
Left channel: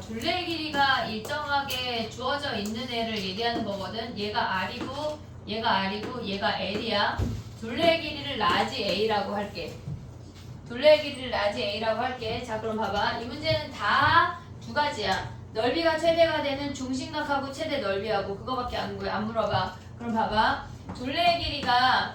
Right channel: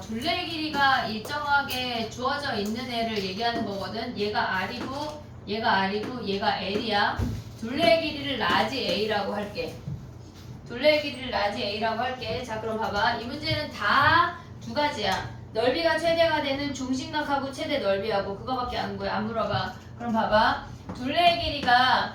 둘레 길이가 일정하게 주어져 있는 애를 얘기하는 거거든. 얘가 R이고 얘가 R이고 얘가 L이야. 둘레 길이를 라지 A라고 할게. 둘레 길이를 라지 A라고 할게. 자 그럼 봐봐. 이 문제는 다 두 가지야. 넓이가 최대가 되는 중심각하고 최대 넓이하고 그거밖에 안 물어봐. 그럼 봐봐. 둘레 길이가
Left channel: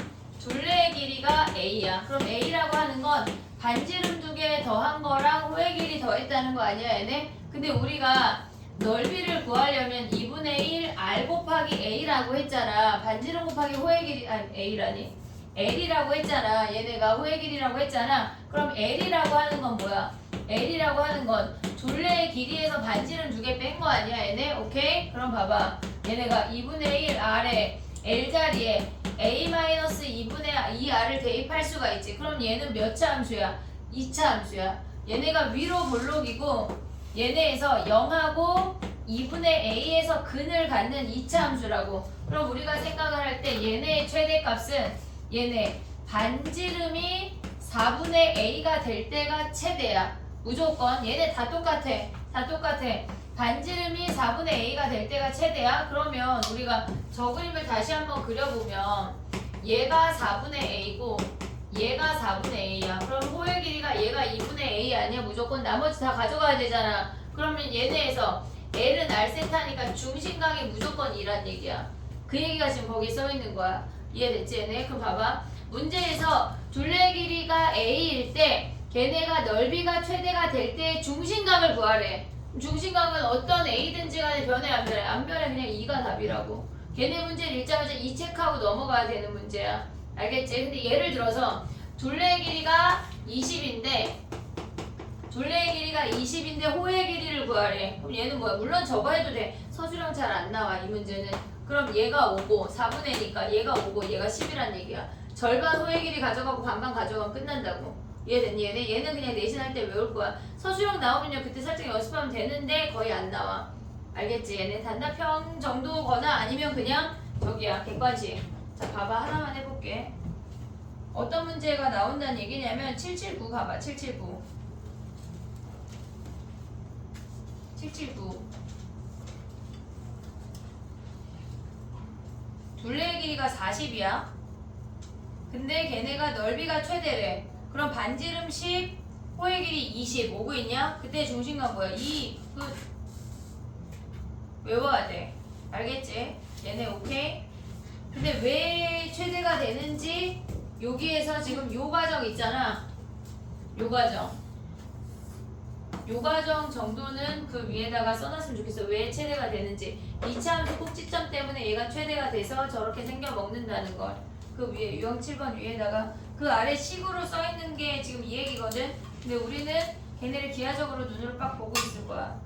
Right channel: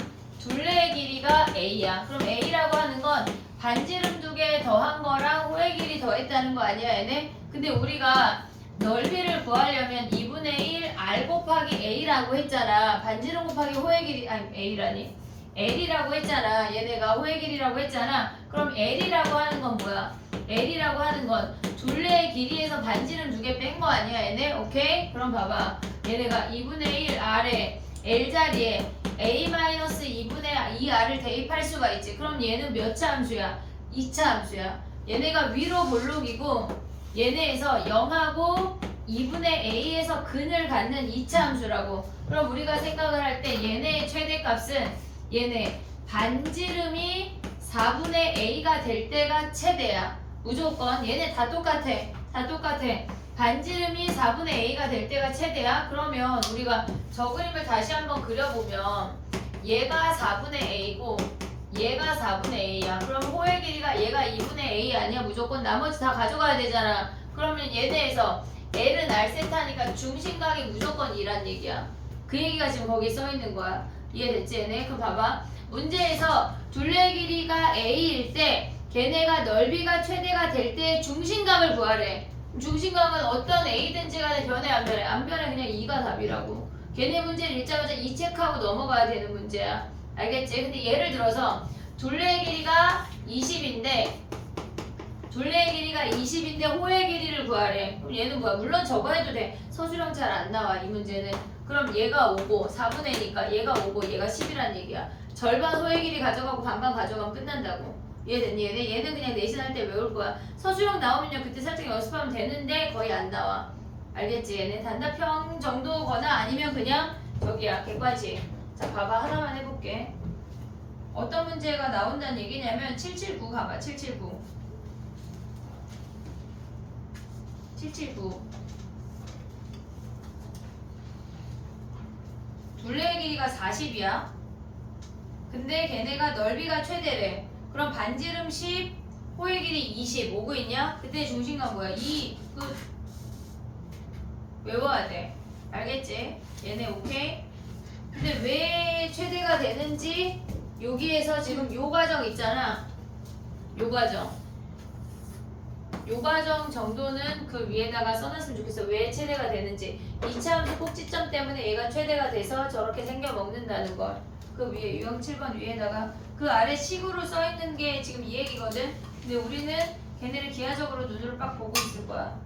A야. 그럼 A라고 하는 건 반지름 2개 더한 거랑 호의 길이 더했다는 거 아니야 얘네? 근데 우리가 넓이를 구하려면 2분의 1 R 곱하기 A라고 했잖아. 반지름 곱하기 호의 길이 아니 A라니 L이라고 했잖아. 얘네가 호의 길이라고 했잖아. 그럼 L이라고 하는 건 뭐야? L이라고 하는 건 둘레의 길이에서 반지름 2개 뺀 거 아니야 얘네? 오케이? 그럼 봐봐. 얘네가 2분의 1 R에 L 자리에 A-2분의 2R을 대입할 수가 있지. 그럼 얘는 몇 차 함수야? 2차 함수야. 얘네가 위로 볼록이고 얘네에서 0하고 2분의 A에서 근을 갖는 2차 함수라고. 그럼 우리가 생각을 할 때 얘네의 최대값은 얘네 반지름이 4분의 A가 될 때가 최대야. 무조건 얘네 다 똑같아. 다 똑같아. 반지름이 4분의 A가 될 때가 최대야. 그러면 우리가 저 그림을 다시 한번 그려보면 얘가 4분의 A고 얘가 4분의 A야. 그럼 호의 길이가 얘가 2분의 A 아니야? 무조건 나머지 다 가져가야 되잖아. 그러면 얘네에서 L은 R세타니까 중심각이 무조건 2란 얘기야. 그 얘기가 지금 거기 써있는 거야. 이해됐지 얘네? 그럼 봐봐. 문제에서 둘레 길이가 A일 때 걔네가 넓이가 최대가 될 때 중심각을 구하래. 중심각은 어떤 A든지 간에 변해 안 변해? 안 변해. 그냥 2가 답이라고. 걔네 문제를 읽자마자 2 체크하고 넘어가야 되는 문제야. 알겠지? 근데 예를 들어서 둘레의 길이가 20인데 호의 길이를 구하래. 그럼 얘는 뭐야? 물론 저거 해도 돼. 서술형 잘 안 나와 이 문제는. 그럼 얘가 5고 4분의 2니까 얘가 5고 얘가 10이란 얘기야. 절반 호의 길이 가져가고 반반 가져가면 끝난다고. 이해됐니? 얘는 그냥 내신할 때 외울 거야. 서술형 나오면요 그때 살짝 연습하면 되는데 거의 안 나와. 알겠지? 얘는 단답형 정도거나 아니면 그냥 저기야 객관식. 자 봐봐 하나만 해볼게. 어떤 문제가 나온다는 얘기냐면 779 가봐. 779 둘레의 길이가 40이야. 근데 걔네가 넓이가 최대래. 그럼 반지름 10, 호의 길이 20 오고 있냐? 그때 중심각 뭐야? 2 끝. 외워야 돼. 알겠지? 얘네 오케이? 근데 왜 최대가 되는지 여기에서 지금 요 과정 있잖아. 요 과정 정도는 그 위에다가 써놨으면 좋겠어. 왜 최대가 되는지. 2차 함수 꼭지점 때문에 얘가 최대가 돼서 저렇게 생겨 먹는다는 걸. 그 위에 유형 7번 위에다가 그 아래 식으로 써있는 게 지금 이 얘기거든. 근데 우리는 걔네를 기하적으로 눈으로 빡 보고 있을 거야.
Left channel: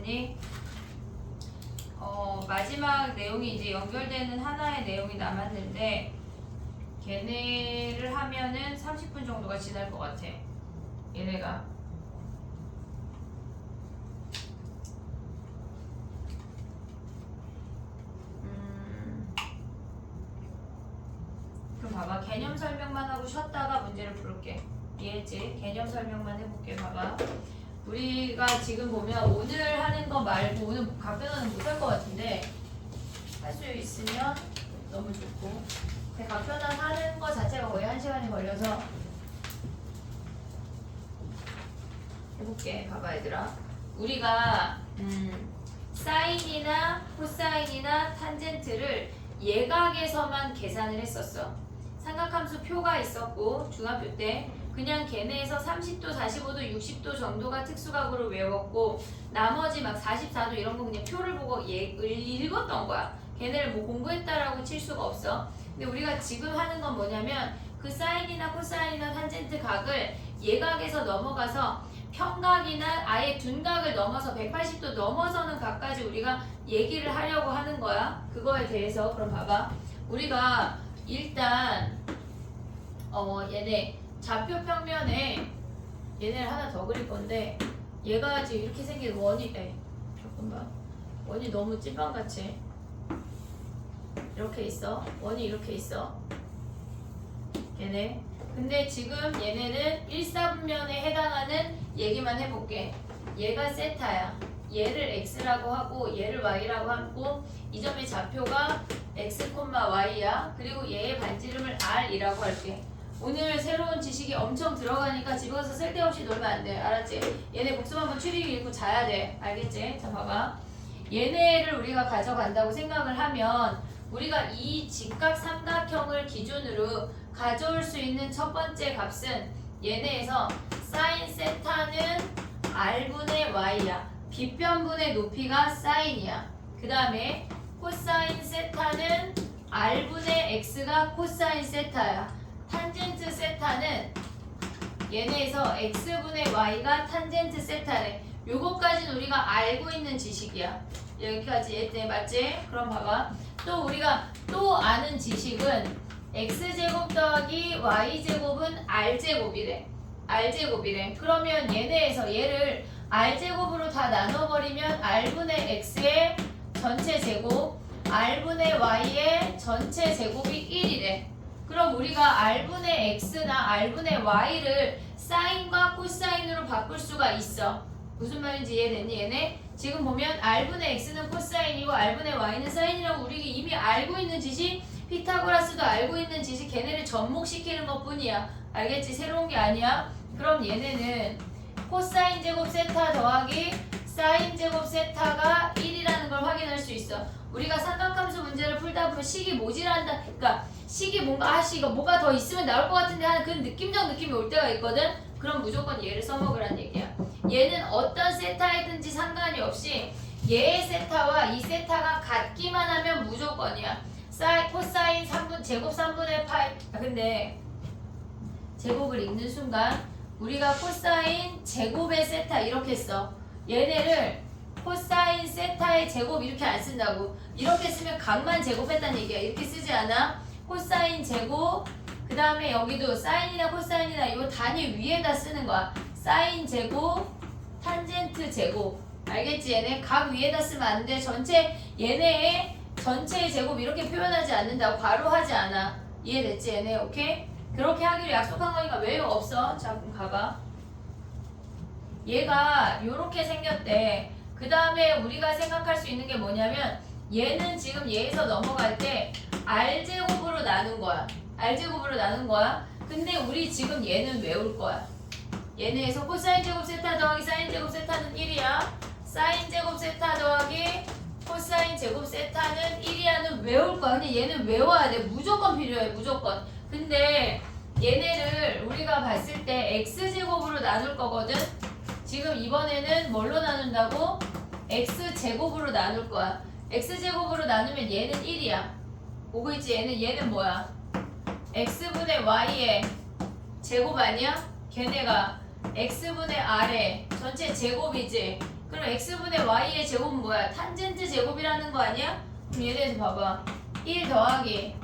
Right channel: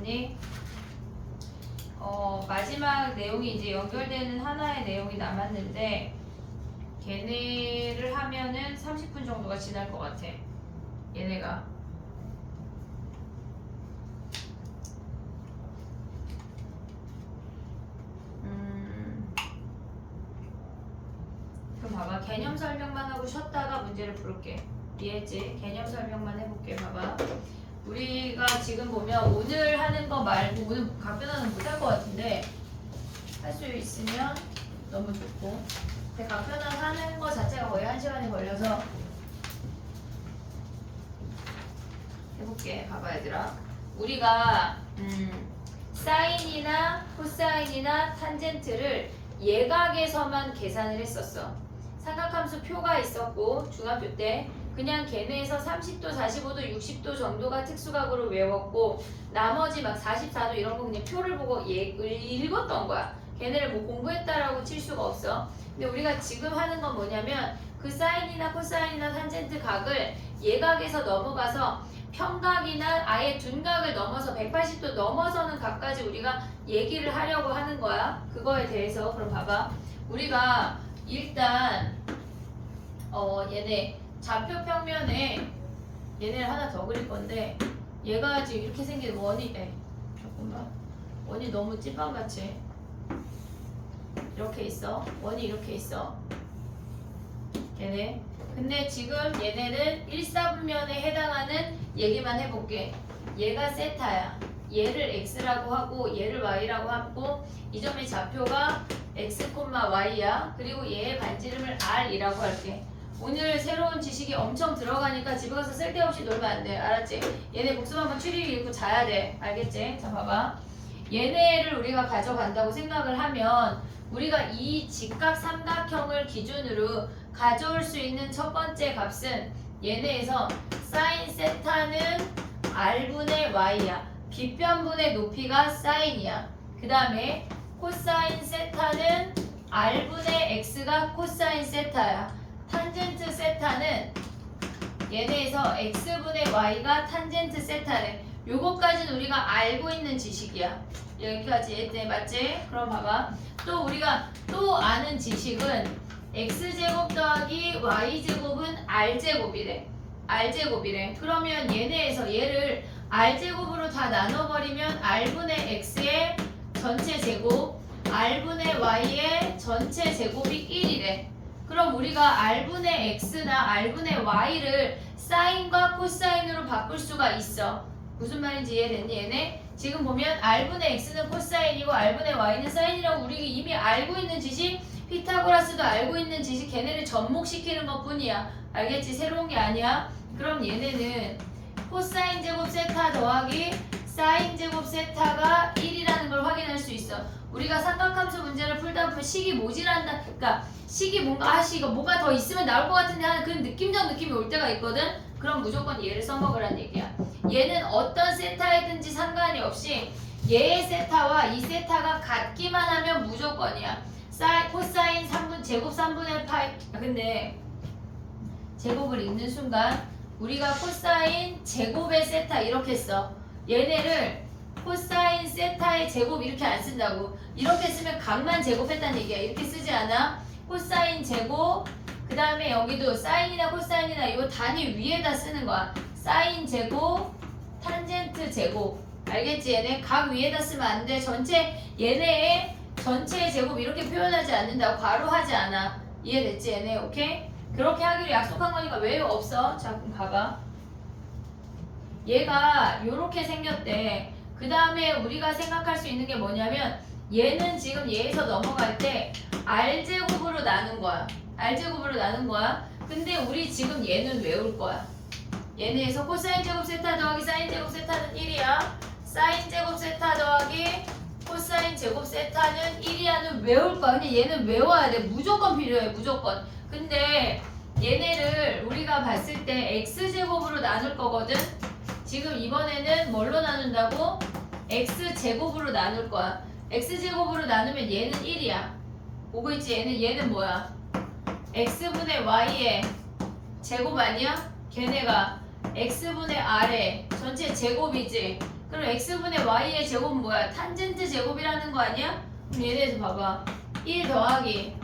됐니? 마지막 내용이 이제 연결되는 하나의 내용이 남았는데 걔네를 하면은 30분 정도가 지날 것 같아. 얘네가. 그럼 봐봐. 개념 설명만 하고 쉬었다가 문제를 풀게. 이해했지? 개념 설명만 해볼게. 봐봐. 우리가 지금 보면 오늘 하는 거 말고 오늘 각변화는 못할 것 같은데 할 수 있으면 너무 좋고, 근데 각변화 하는 거 자체가 거의 1시간이 걸려서 해볼게. 봐봐 얘들아. 우리가 사인이나 코사인이나 탄젠트를 예각에서만 계산을 했었어. 삼각함수 표가 있었고 중학교 때 그냥 걔네에서 30도, 45도, 60도 정도가 특수각으로 외웠고 나머지 막 44도 이런 거 그냥 표를 보고 읽었던 거야. 걔네를 뭐 공부했다라고 칠 수가 없어. 근데 우리가 지금 하는 건 뭐냐면 그 사인이나 코사인이나 탄젠트 각을 예각에서 넘어가서 평각이나 아예 둔각을 넘어서 180도 넘어서는 각까지 우리가 얘기를 하려고 하는 거야. 그거에 대해서. 그럼 봐봐. 우리가 일단 얘네 좌표 평면에 얘네를 하나 더 그릴 건데 얘가 지금 이렇게 생긴 원이 잠깐만. 원이 너무 찐빵같이 이렇게 있어. 원이 이렇게 있어. 얘네. 근데 지금 얘네는 1사분면에 해당하는 얘기만 해볼게. 얘가 세타야. 얘를 x라고 하고 얘를 y라고 하고 이 점의 좌표가 x, y야. 그리고 얘의 반지름을 r이라고 할게. 오늘 새로운 지식이 엄청 들어가니까 집에 가서 쓸데없이 놀면 안 돼. 알았지? 얘네 복습 한번 추리기 읽고 자야 돼. 알겠지? 자 봐봐. 얘네를 우리가 가져간다고 생각을 하면 우리가 이 직각 삼각형을 기준으로 가져올 수 있는 첫 번째 값은 얘네에서 사인 세타는 r분의 y야. 빗변분의 높이가 사인이야. 그 다음에 코사인 세타는 r분의 x가 코사인 세타야. 탄젠트 세타는 얘네에서 x분의 y가 탄젠트 세타래. 요거까지는 우리가 알고 있는 지식이야. 여기까지 이해돼? 맞지? 그럼 봐봐. 또 우리가 또 아는 지식은 x제곱 더하기 y제곱은 r제곱이래. r제곱이래. 그러면 얘네에서 얘를 r제곱으로 다 나눠버리면 r분의 x의 전체 제곱, r분의 y의 전체 제곱이 1이래. 그럼 우리가 r분의 x나 r분의 y를 사인과 코사인으로 바꿀 수가 있어. 무슨 말인지 이해됐니 얘네? 지금 보면 r분의 x는 코사인이고 r분의 y는 사인이라고 우리가 이미 알고 있는 지식, 피타고라스도 알고 있는 지식, 걔네를 접목시키는 것 뿐이야. 알겠지? 새로운 게 아니야. 그럼 얘네는 코사인 제곱 세타 더하기 사인 제곱 세타가 1이라는 걸 확인할 수 있어. 우리가 삼각함수 문제를 풀다 보면 식이 모질한다. 그러니까 식이 뭔가 이거 뭐가 더 있으면 나올 것 같은데 하는 그 느낌적 느낌이 올 때가 있거든. 그럼 무조건 얘를 써먹으란 얘기야. 얘는 어떤 세타이든지 상관이 없이 얘의 세타와 이 세타가 같기만 하면 무조건이야. 코사인 3분 제곱 3분의 파이. 근데 제곱을 읽는 순간 우리가 코사인 제곱의 세타 이렇게 써. 얘네를 코사인 세타의 제곱 이렇게 안 쓴다고. 이렇게 쓰면 각만 제곱했다는 얘기야. 이렇게 쓰지 않아. 코사인 제곱, 그 다음에 여기도 사인이나 코사인이나 이거 단위 위에다 쓰는 거야. 사인 제곱, 탄젠트 제곱. 알겠지? 얘네 각 위에다 쓰면 안 돼. 얘네의 전체의 제곱 이렇게 표현하지 않는다고. 괄호하지 않아. 이해됐지? 얘네 오케이? 그렇게 하기로 약속한 거니까 외우 없어. 자 그럼 가봐. 얘가 요렇게 생겼대. 그 다음에 우리가 생각할 수 있는 게 뭐냐면 얘는 지금 얘에서 넘어갈 때 r제곱으로 나눈 거야. r제곱으로 나눈 거야. 근데 우리 지금 얘는 외울 거야. 얘네에서 코사인 제곱 세타 더하기 사인 제곱 세타는 1이야. 사인 제곱 세타 더하기 코사인 제곱 세타는 1이야는 외울 거야. 근데 얘는 외워야 돼. 무조건 필요해. 무조건. 근데 얘네를 우리가 봤을 때 x제곱으로 나눌 거거든. 지금 이번에는 뭘로 나눈다고? x제곱으로 나눌 거야. x제곱으로 나누면 얘는 1이야. 오고 있지? 얘는 뭐야? x분의 y의 제곱 아니야? 걔네가 x분의 r의 전체 제곱이지. 그럼 x분의 y의 제곱은 뭐야? 탄젠트 제곱이라는 거 아니야? 그럼 예를 들어서 봐봐. 1 더하기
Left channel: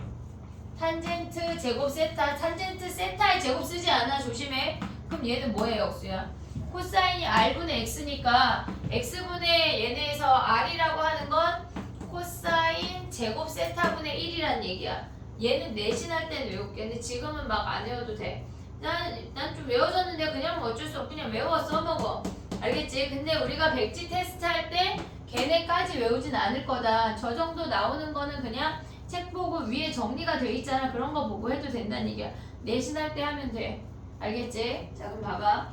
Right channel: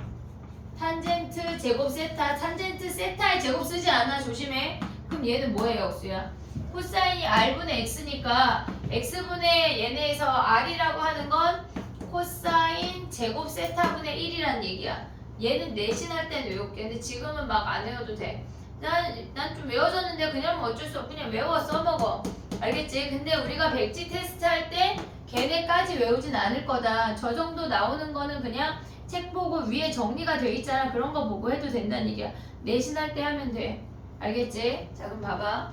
탄젠트 제곱 세타. 탄젠트 세타의 제곱 쓰지 않아. 조심해. 그럼 얘는 뭐예요, 억수야? 코사인이 r분의 x니까 x분의 얘네에서 r이라고 하는 건 코사인 제곱 세타분의 1이란 얘기야. 얘는 내신할 땐 외울게. 근데 지금은 막 안 외워도 돼. 난 좀 외워졌는데 그냥 어쩔 수 없고 그냥 외워 써먹어. 알겠지? 근데 우리가 백지 테스트 할 때 걔네까지 외우진 않을 거다. 저 정도 나오는 거는 그냥 책 보고 위에 정리가 돼 있잖아. 그런 거 보고 해도 된다는 얘기야. 내신할 때 하면 돼. 알겠지? 자 그럼 봐봐.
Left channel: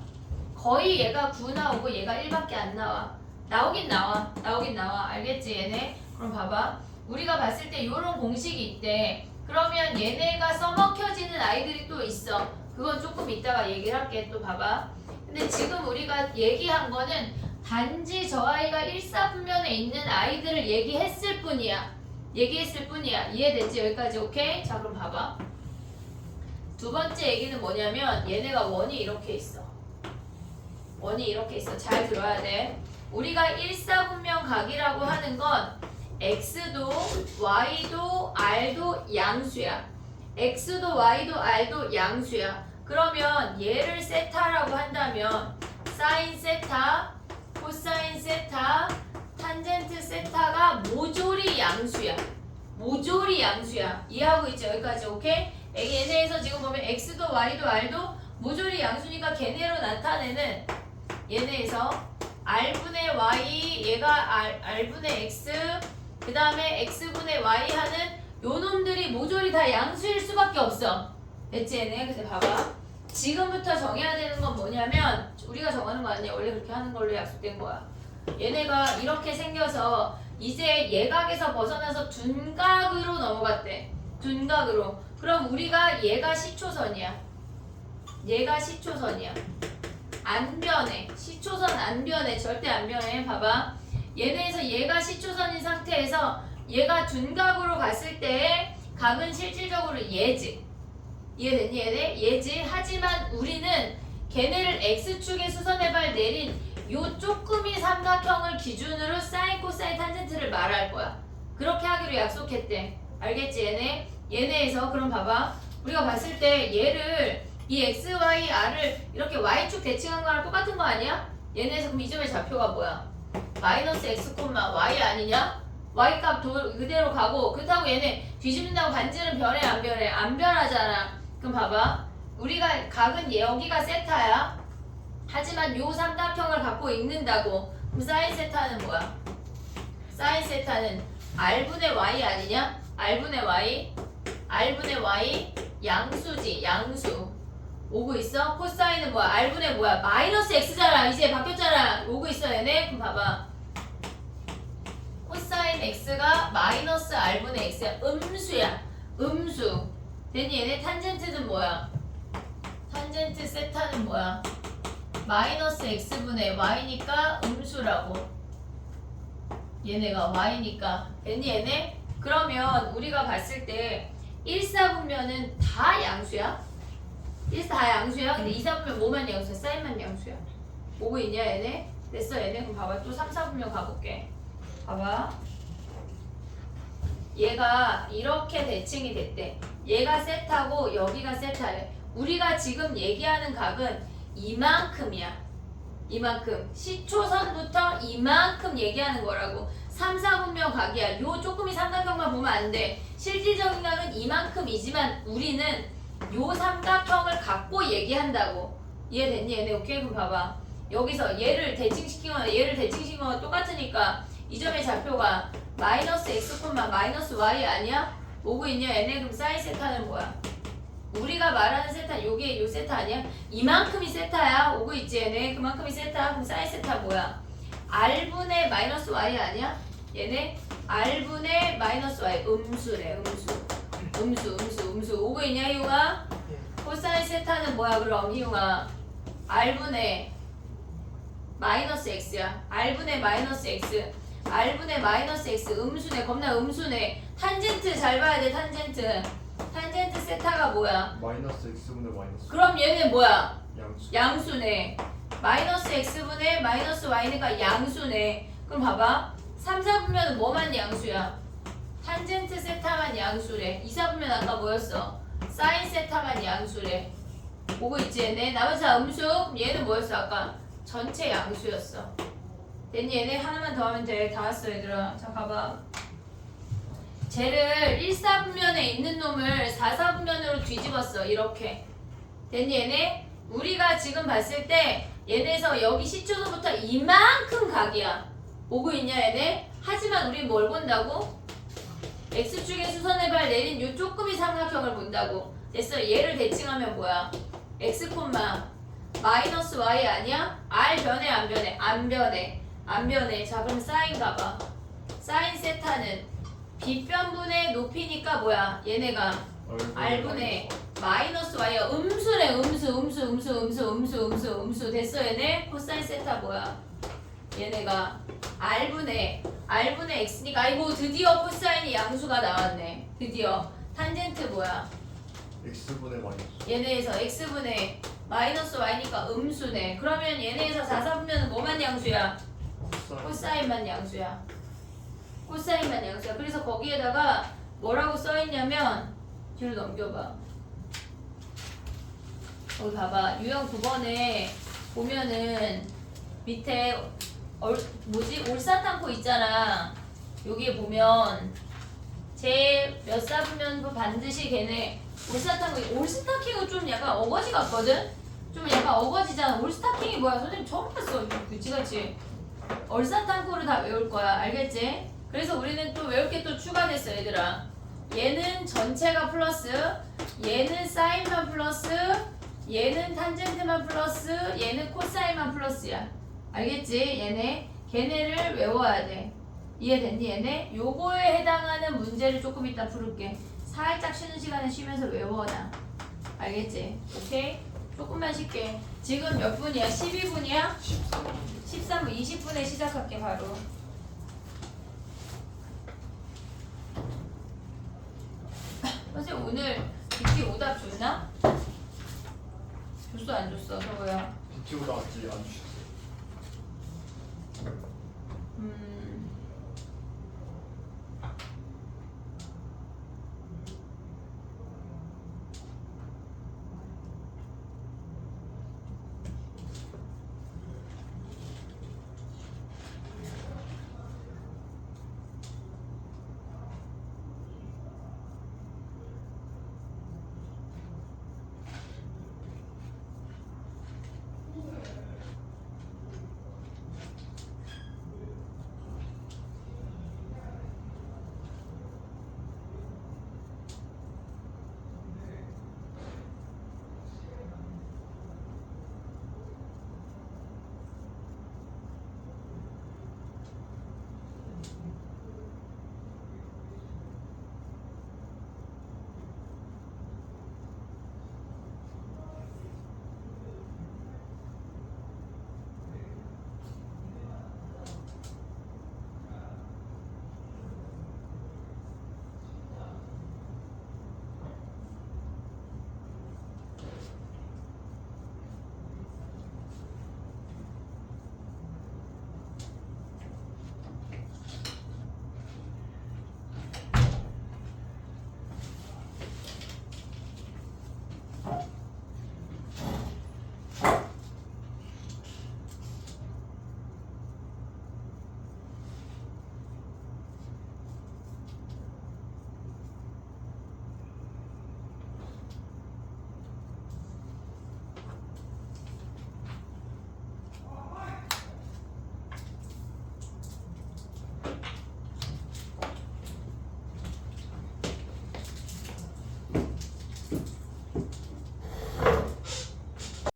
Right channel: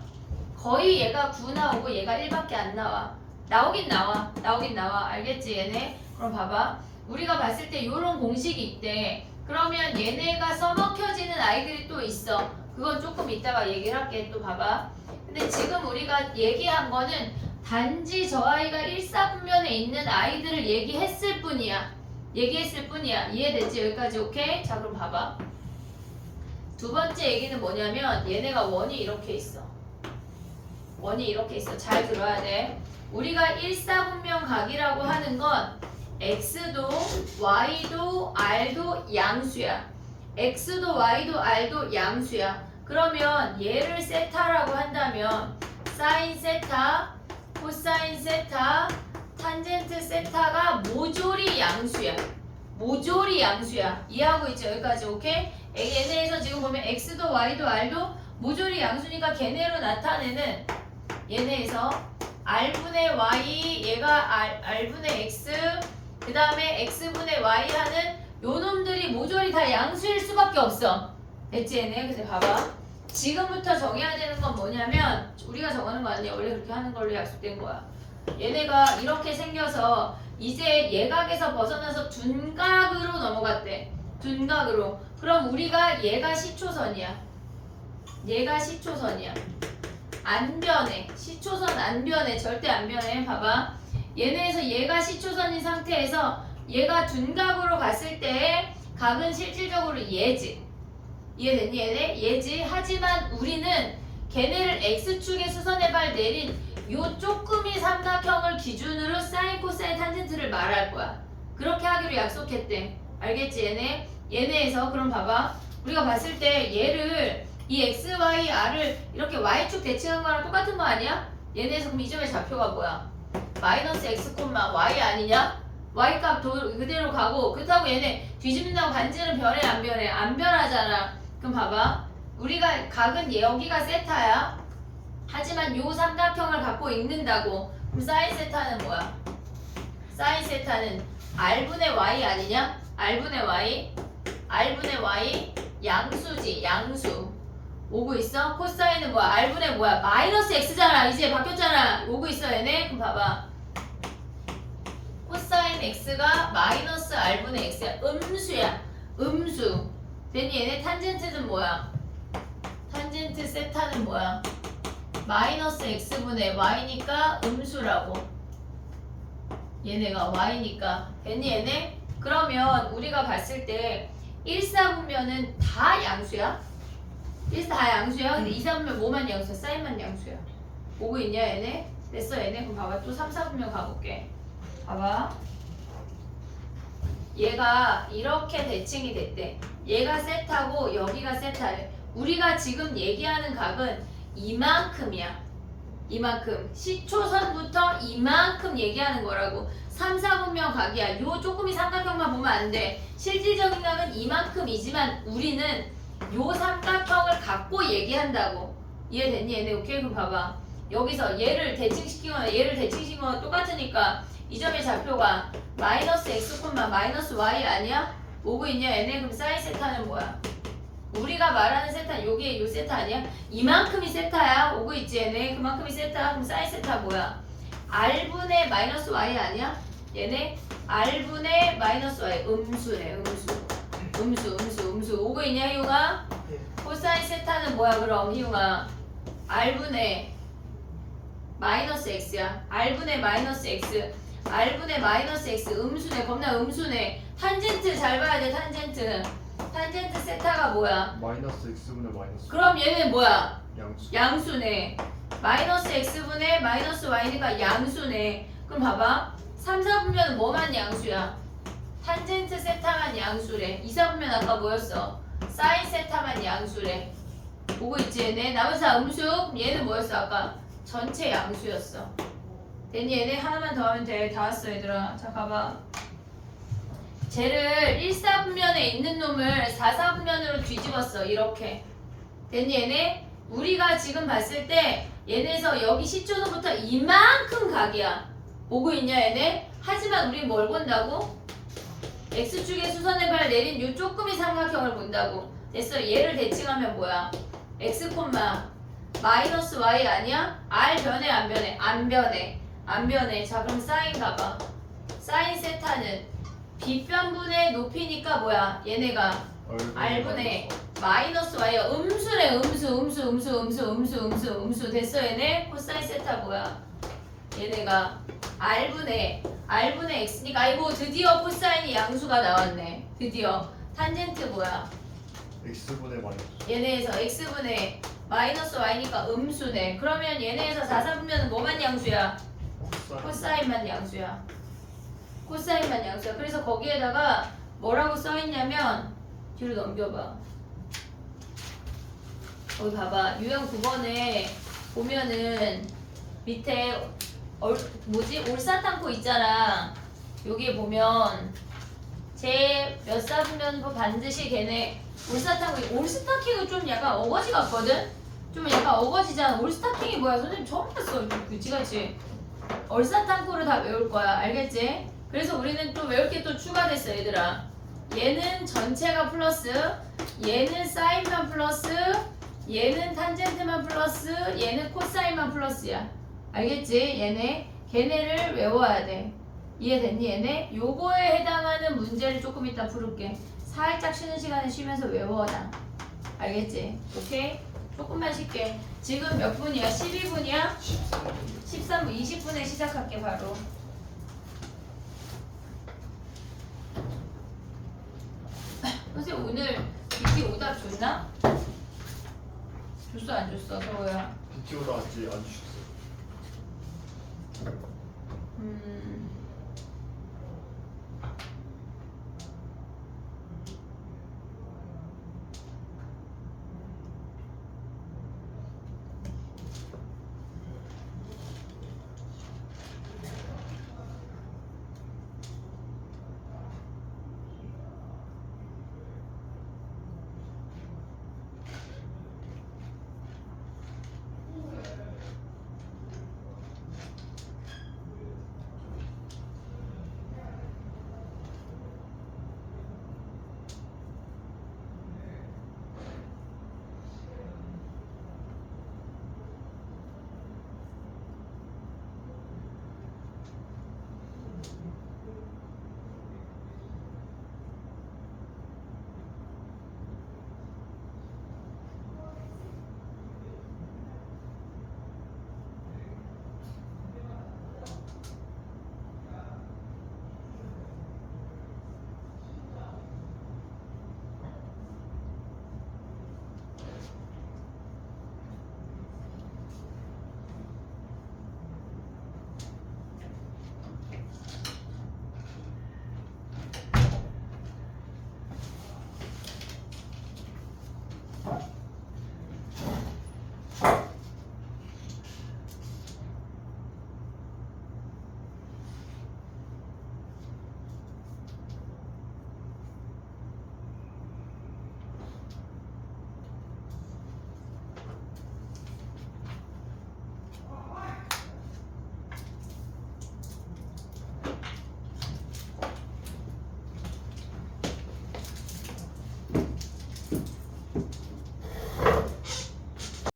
거의 얘가 9 나오고 얘가 1밖에 안 나와. 나오긴 나와. 알겠지 얘네? 그럼 봐봐. 우리가 봤을 때 이런 공식이 있대. 그러면 얘네가 써먹혀지는 아이들이 또 있어. 그건 조금 이따가 얘기를 할게. 또 봐봐. 근데 지금 우리가 얘기한 거는 단지 저 아이가 1사분면에 있는 아이들을 얘기했을 뿐이야. 이해됐지? 여기까지 오케이? 자 그럼 봐봐. 두 번째 얘기는 뭐냐면 얘네가 원이 이렇게 있어. 잘 들어야 돼. 우리가 1사분면 각이라고 하는 건 x도 y도 r도 양수야. x도 y도 r도 양수야. 그러면 얘를 세타라고 한다면 사인 세타, 코사인 세타, 탄젠트 세타가 모조리 양수야. 이해하고 있지? 여기까지 오케이? 얘네에서 지금 보면 x도 y도 r도 모조리 양수니까 걔네로 나타내는 얘네에서 r분의 y 얘가 r분의 x 그 다음에 x분의 y 하는 요 놈들이 모조리 다 양수일 수밖에 없어. 됐지 얘네? 근데 봐봐. 지금부터 정해야 되는 건 뭐냐면 우리가 정하는 거 아니야. 원래 그렇게 하는 걸로 약속된 거야. 얘네가 이렇게 생겨서 이제 예각에서 벗어나서 둔각으로 넘어갔대. 둔각으로. 그럼 우리가 얘가 시초선이야. 안 변해. 시초선 안 변해. 절대 안 변해. 봐봐. 얘네에서 얘가 시초선인 상태에서 얘가 둔각으로 갔을 때 각은 실질적으로 얘지. 이해됐니 얘네? 얘지. 하지만 우리는 걔네를 x축의 수선의 발 내린 요 쪼끄미 삼각형을 기준으로 사인, 코사인, 탄젠트를 말할 거야. 그렇게 하기로 약속했대. 알겠지 얘네? 얘네에서 그럼 봐봐. 우리가 봤을 때 얘를 이 x, y, r을 이렇게 y축 대칭한 거랑 똑같은 거 아니야? 얘네에서 그럼 이 점의 좌표가 뭐야? 마이너스 x, y 아니냐? y값 그대로 가고 그렇다고 얘네 뒤집는다고 반지는 변해 안 변해? 안 변하잖아. 그럼 봐봐. 우리가 각은 여기가 세타야. 하지만 요 삼각형을 갖고 있는다고. 그럼 사인 세타는 뭐야? 사인 세타는 r분의 y 아니냐? r분의 y 양수지. 양수. 오고 있어? 코사인은 뭐야? r분의 뭐야? 마이너스 x잖아. 이제 바뀌었잖아. 오고 있어 얘네? 그럼 봐봐. 코사인 x가 마이너스 r분의 x야. 음수. 됐니? 얘네 탄젠트는 뭐야? 탄젠트 세타는 뭐야? 마이너스 x분의 y니까 음수라고. 얘네가 y니까. 됐니 얘네? 그러면 우리가 봤을 때 1사분면은 다 양수야? 1사 다 양수야? 근데 2사분면 뭐만 양수야? 사인만 양수야. 보고 있냐 얘네? 됐어 얘네? 그럼 봐봐. 또 3사분면 가볼게. 봐봐. 얘가 이렇게 대칭이 됐대. 얘가 세타고 여기가 세타래. 우리가 지금 얘기하는 각은 이만큼이야. 이만큼. 시초선부터 이만큼 얘기하는 거라고. 3, 4분면 각이야. 요 쪼끄미 삼각형만 보면 안 돼. 실질적인 각은 이만큼이지만 우리는 요 삼각형을 갖고 얘기한다고. 이해됐니? 얘네 오케이? 그럼 봐봐. 여기서 얘를 대칭시키거나 얘를 대칭시키거나 똑같으니까 이 점의 좌표가 마이너스 x, 마이너스 y 아니야? 오고 있냐 얘네? 그럼 사인 세타는 뭐야? 우리가 말하는 세타 요게 요 세타 아니야? 이만큼이 세타야. 오고 있지 얘네? 그만큼이 세타. 그럼 사인 세타 뭐야? r분의 마이너스 y 아니야? 얘네? r분의 마이너스 y 음수래. 음수. 오고 있냐 희용아? 예. 코사인 세타는 뭐야 그럼 희용아? r분의 마이너스 x야. r분의 마이너스 x. r분의 마이너스 x 음수네. 겁나 음수네. 탄젠트 잘 봐야 돼. 탄젠트 세타가 뭐야? 마이너스 x분의 마이너스 그럼 얘는 뭐야? 양수. 양수네. 마이너스 x분의 마이너스 y니까 양수네. 그럼 봐봐. 3, 4분면은 뭐만 양수야? 탄젠트 세타만 양수래. 2, 4분면 아까 뭐였어? 사인 세타만 양수래. 보고 있지 얘네? 나머지 다 음수. 그럼 얘는 뭐였어 아까? 전체 양수였어. 됐니? 얘네 하나만 더 하면 돼. 다 왔어 얘들아. 자 가봐. 쟤를 1, 4분면에 있는 놈을 4, 4분면으로 뒤집었어. 이렇게. 됐니 얘네? 우리가 지금 봤을 때 얘네에서 여기 시초도부터 이만큼 각이야. 보고 있냐 얘네? 하지만 우리 뭘 본다고? X축의 수선의 발 내린 요 쪼끄미 삼각형을 본다고. 됐어. 얘를 대칭하면 뭐야? X, 마이너스 Y 아니야? R 변해 안 변해? 안 변해. 안 변해. 자 그럼 사인 가봐. 사인 세타는 빗변분의 높이니까 뭐야? 얘네가 R분의 마이너스 Y야. 음수래. 음수. 됐어 얘네? 코사인 세타 뭐야? 얘네가 R분의 X니까 아이고 드디어 코사인이 양수가 나왔네. 드디어. 탄젠트 뭐야? x분의 마이너스 얘네에서 X분의 마이너스 Y니까 음수네. 그러면 얘네에서 4, 4분면은 뭐만 양수야? 코사인 코사인만 양수야. 코사인만 양수야. 그래서 거기에다가 뭐라고 써있냐면 뒤로 넘겨봐. 거기 봐봐. 유형 9번에 보면은 밑에 올사탕코 있잖아. 여기에 보면 제 몇 사분면 반드시 걔네 올스타킹은 좀 약간 어거지 같거든? 좀 약간 어거지잖아. 올스타킹이 뭐야? 선생님 처음 봤어. 그치같이 얼사탕코를 다 외울 거야. 알겠지? 그래서 우리는 또 외울 게 또 추가됐어 얘들아. 얘는 전체가 플러스, 얘는 사인만 플러스, 얘는 탄젠트만 플러스, 얘는 코사인만 플러스야. 알겠지? 걔네를 외워야 돼. 이해됐니 얘네? 요거에 해당하는 문제를 조금 이따 부를게. 살짝 쉬는 시간에 쉬면서 외워놔. 알겠지? 오케이? 조금만 쉴게. 지금 몇 분이야? 12분이야? 13분, 20분에 시작할게 바로. 선생님 오늘 BP 오답 줬나? 줬어 안 줬어? 서호야. 뒤쪽으로 아직 안 주셨어요.